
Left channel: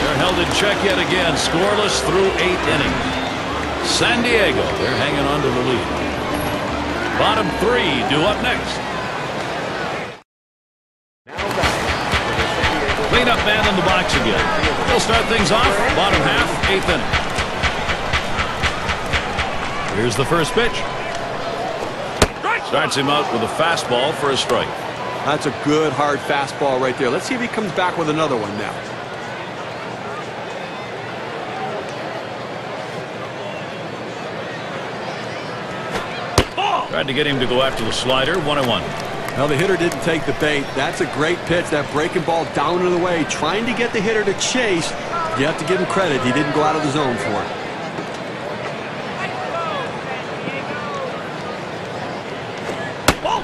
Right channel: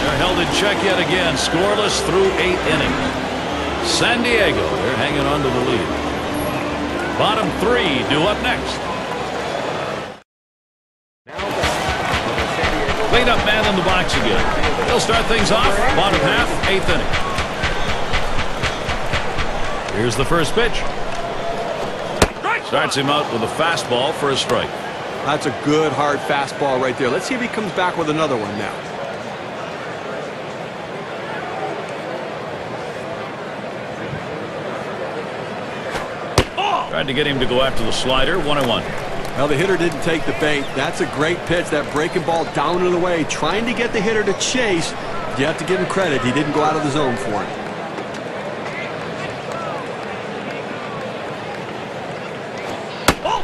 They're held in check yet again. Scoreless through 8 innings. San Diego, they're hanging on to the lead. Bottom 3 due up next. Cleanup man in the box again. He'll start things off. Bottom half, 8th inning. Here's the first pitch. Starts him out with a fastball for a strike. That's a good, hard fastball right there. Let's see if he comes back with another one now. Tried to get him to go after the slider. 1-1. Well, the hitter didn't take the bait. That's a great pitch. That breaking ball down and away, trying to get the hitter to chase. You have to give him credit. He didn't go out of the zone for it.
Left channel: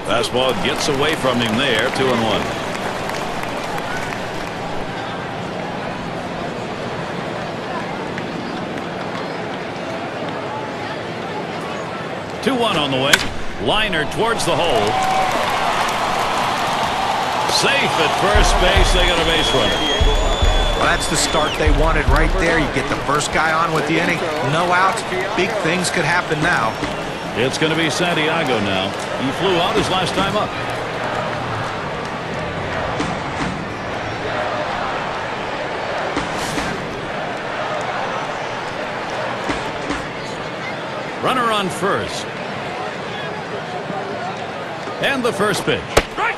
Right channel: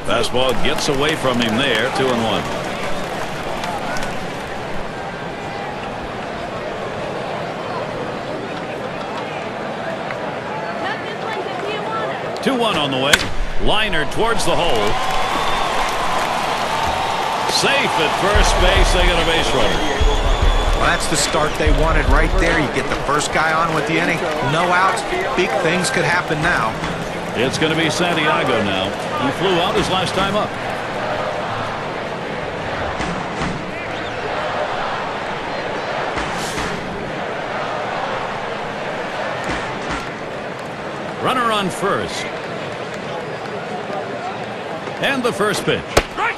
Fastball gets away from him there. 2-1. 2-1 on the way. Liner towards the hole. Safe at first base. They got a base runner. Well, that's the start they wanted right there. You get the first guy on with the inning. No outs. Big things could happen now. It's going to be Santiago now. He flew out his last time up. Runner on first. And the first pitch.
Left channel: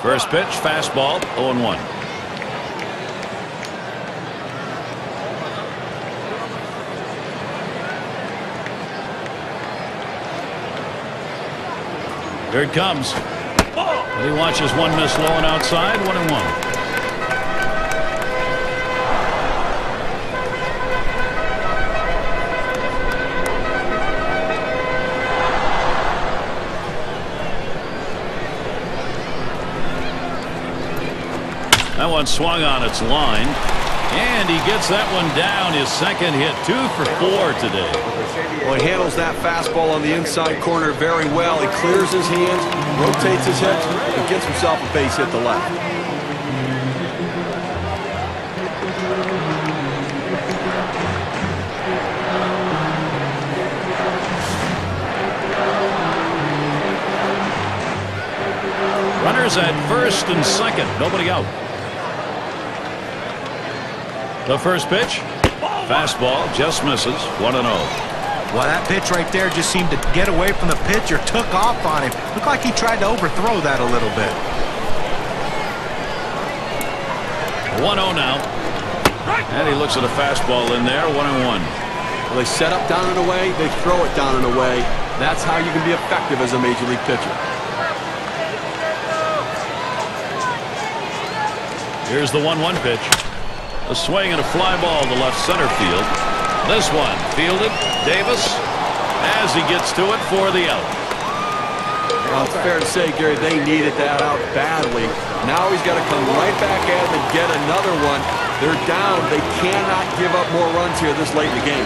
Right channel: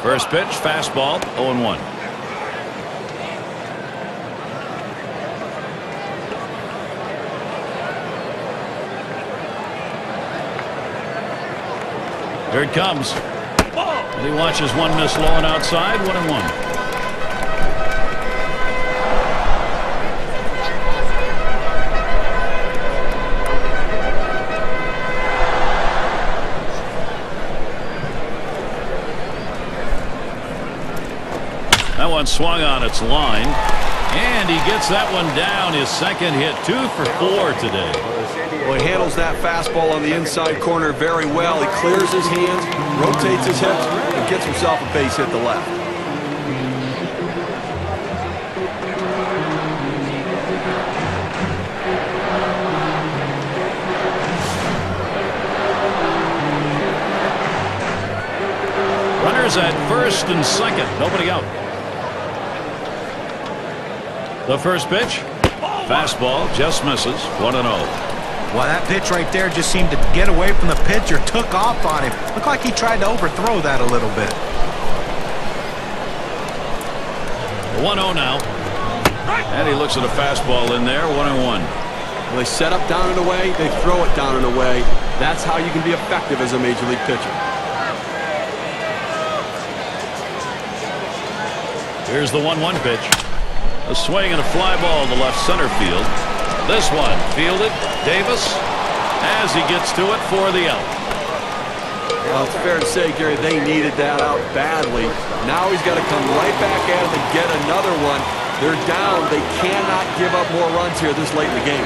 First pitch, fastball, 0-1. Here it comes. And he watches one miss low and outside, 1-1. That one swung on its line, and he gets that one down. His second hit, 2 for 4 today. Well, he handles that fastball on the inside corner very well. He clears his hands, rotates his hips, and gets himself a base hit to left. Runners at first and second, nobody out. The first pitch, fastball, just misses, 1-0. Well, that pitch right there just seemed to get away from the pitcher, took off on him. Looked like he tried to overthrow that a little bit. 1-0 now. And he looks at a fastball in there, 1-1. Well, they set up down and away, they throw it down and away. That's how you can be effective as a major league pitcher. Here's the 1-1 pitch. A swing and a fly ball to left center field. This one fielded. Davis as he gets to it for the out. Well, it's fair to say, Gary, they needed that out badly. Now he's got to come right back at him and get another one. They're down. They cannot give up more runs here this late in the game.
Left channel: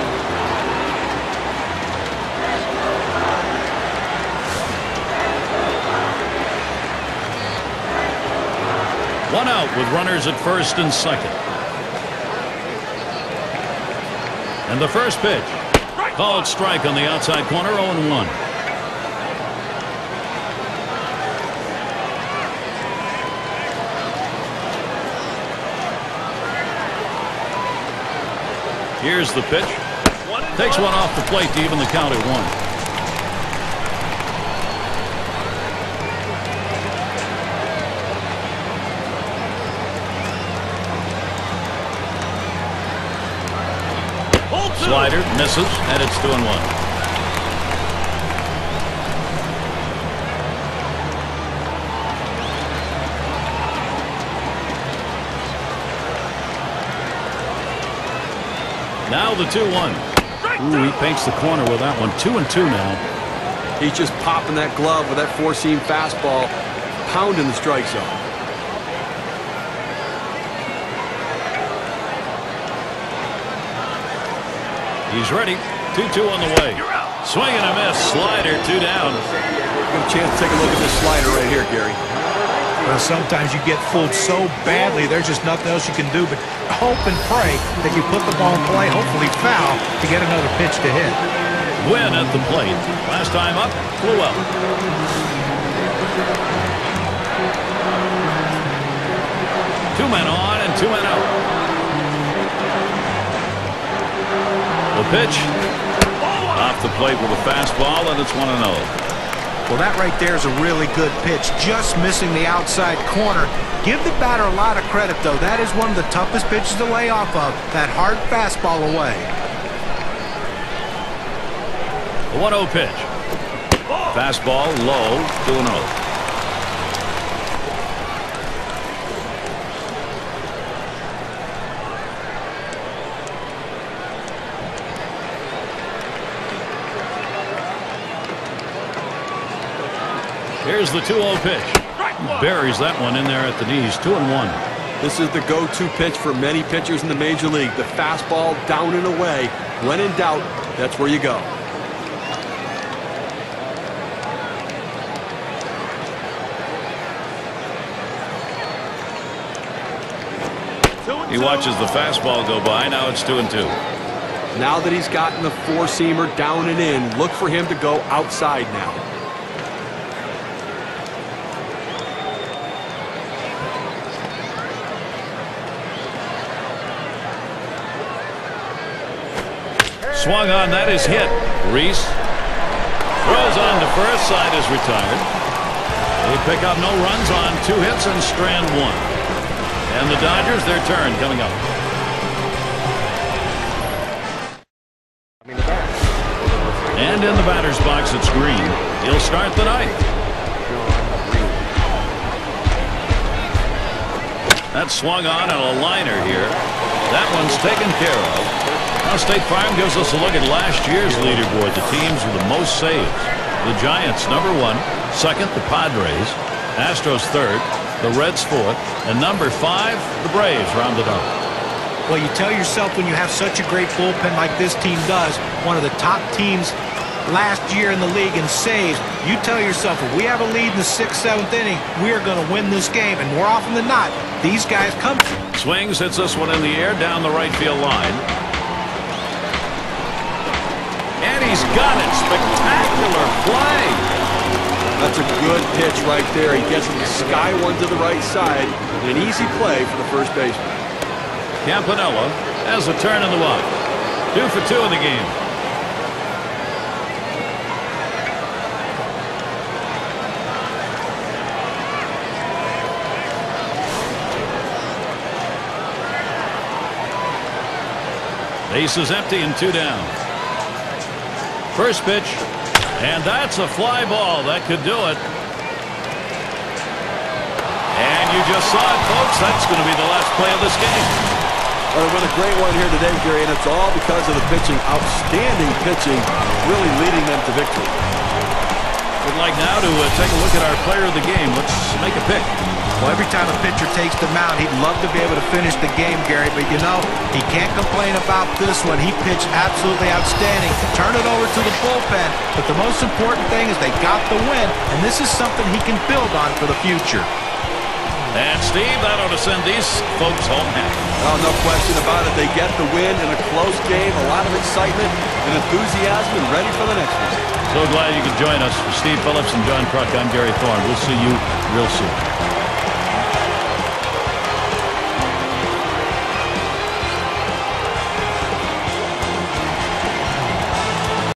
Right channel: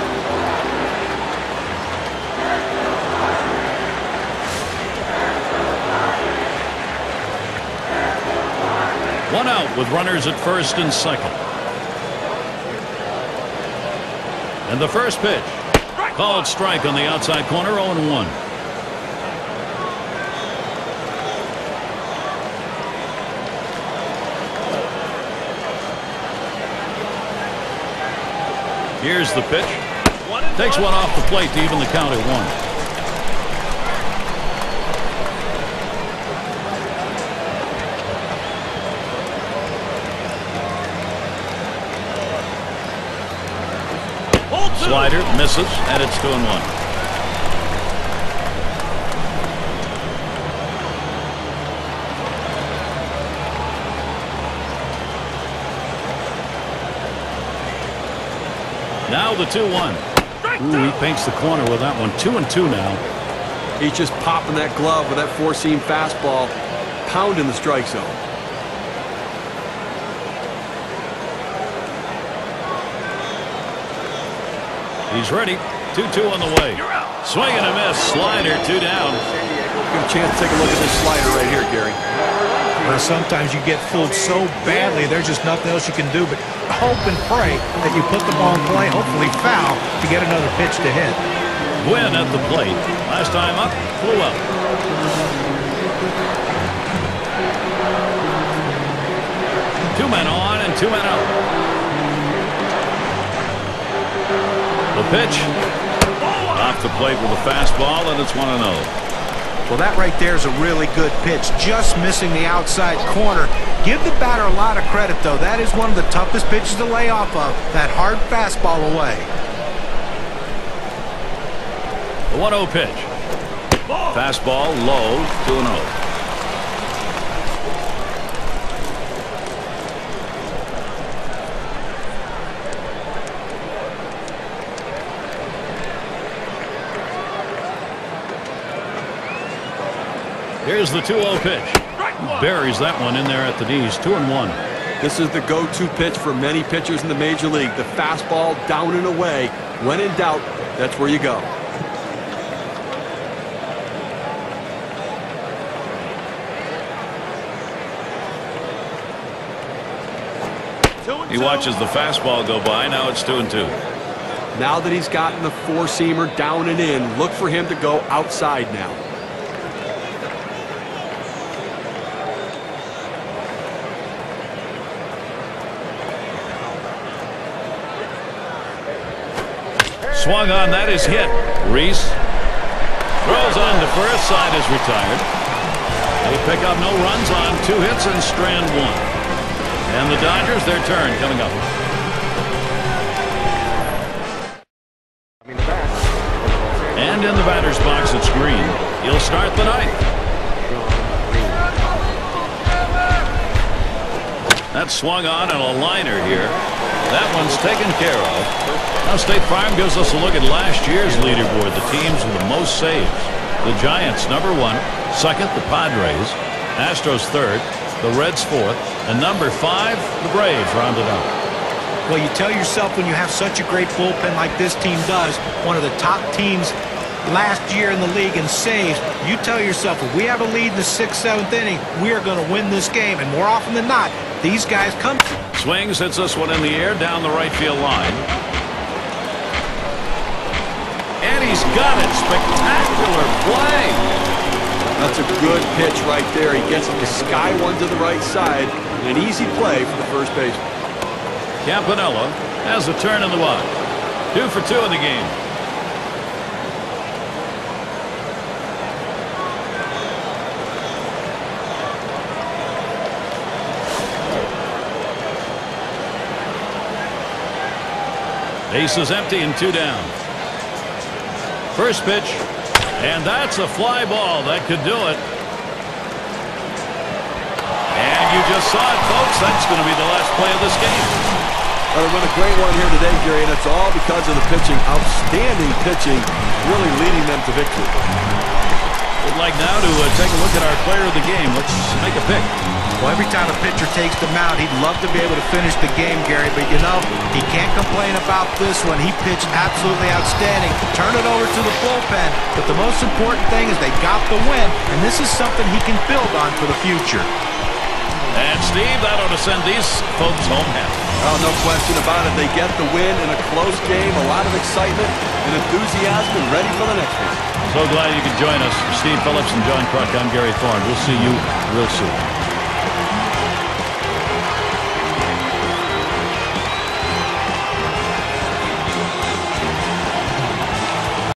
One out with runners at first and second. And the first pitch. Called strike on the outside corner, 0-1. Here's the pitch. Takes one off the plate to even the count at 1. Slider misses, and it's 2-1. Now the 2-1. Ooh, he paints the corner with that one. 2-2 now. He's just popping that glove with that four-seam fastball, pounding the strike zone. He's ready. 2-2 on the way. Swing and a miss. Slider, 2 down. Good chance to take a look at this slider right here, Gary. Well, sometimes you get fooled so badly, there's just nothing else you can do but hope and pray that you put the ball in play, hopefully foul, to get another pitch to hit. Gwynn at the plate. Last time up, flew out. Two men on and 2 men out. The pitch off the plate with a fastball, and it's 1-0. Well, that right there is a really good pitch, just missing the outside corner. Give the batter a lot of credit, though. That is one of the toughest pitches to lay off of, that hard fastball away. The 1-0 pitch. Fastball low, 2-0. Here's the 2-0 pitch. Buries that one in there at the knees. 2-1. This is the go-to pitch for many pitchers in the major league. The fastball down and away. When in doubt, that's where you go. He watches the fastball go by. Now it's 2-2. Now that he's gotten the four-seamer down and in, look for him to go outside now. Swung on, that is hit. Reese throws on to first, side is retired. They pick up no runs on 2 hits and strand 1. And the Dodgers, their turn coming up. And in the batter's box, it's Green. He'll start the ninth. That's swung on and a liner here. That one's taken care of. Now State Farm gives us a look at last year's leaderboard, the teams with the most saves. The Giants, number 1. Second, the Padres. Astros, third. The Reds, fourth. And number 5, the Braves, rounded out. Well, you tell yourself when you have such a great bullpen like this team does, one of the top teams last year in the league in saves, you tell yourself if we have a lead in the 6th, 7th inning, we are going to win this game. And more often than not, these guys come. Swings, hits this one in the air down the right field line. And he's got it. Spectacular play. That's a good pitch right there. He gets it to sky one to the right side. And an easy play for the first baseman. Campanella has a turn in the box. 2 for 2 in the game. Base is empty and 2 down. First pitch, and that's a fly ball. That could do it. And you just saw it, folks. That's going to be the last play of this game. Well, they won a great one here today, Gary, and it's all because of the pitching. Outstanding pitching, really leading them to victory. We'd like now to take a look at our player of the game. Let's make a pick. Well, every time a pitcher takes the mound, he'd love to be able to finish the game, Gary. But, you know, he can't complain about this one. He pitched absolutely outstanding. Turn it over to the bullpen. But the most important thing is they got the win, and this is something he can build on for the future. And, Steve, that ought to send these folks home happy. Oh, no question about it. They get the win in a close game. A lot of excitement and enthusiasm and ready for the next one. So glad you could join us. For Steve Phillips and John Kruk, I'm Gary Thorne. We'll see you real soon.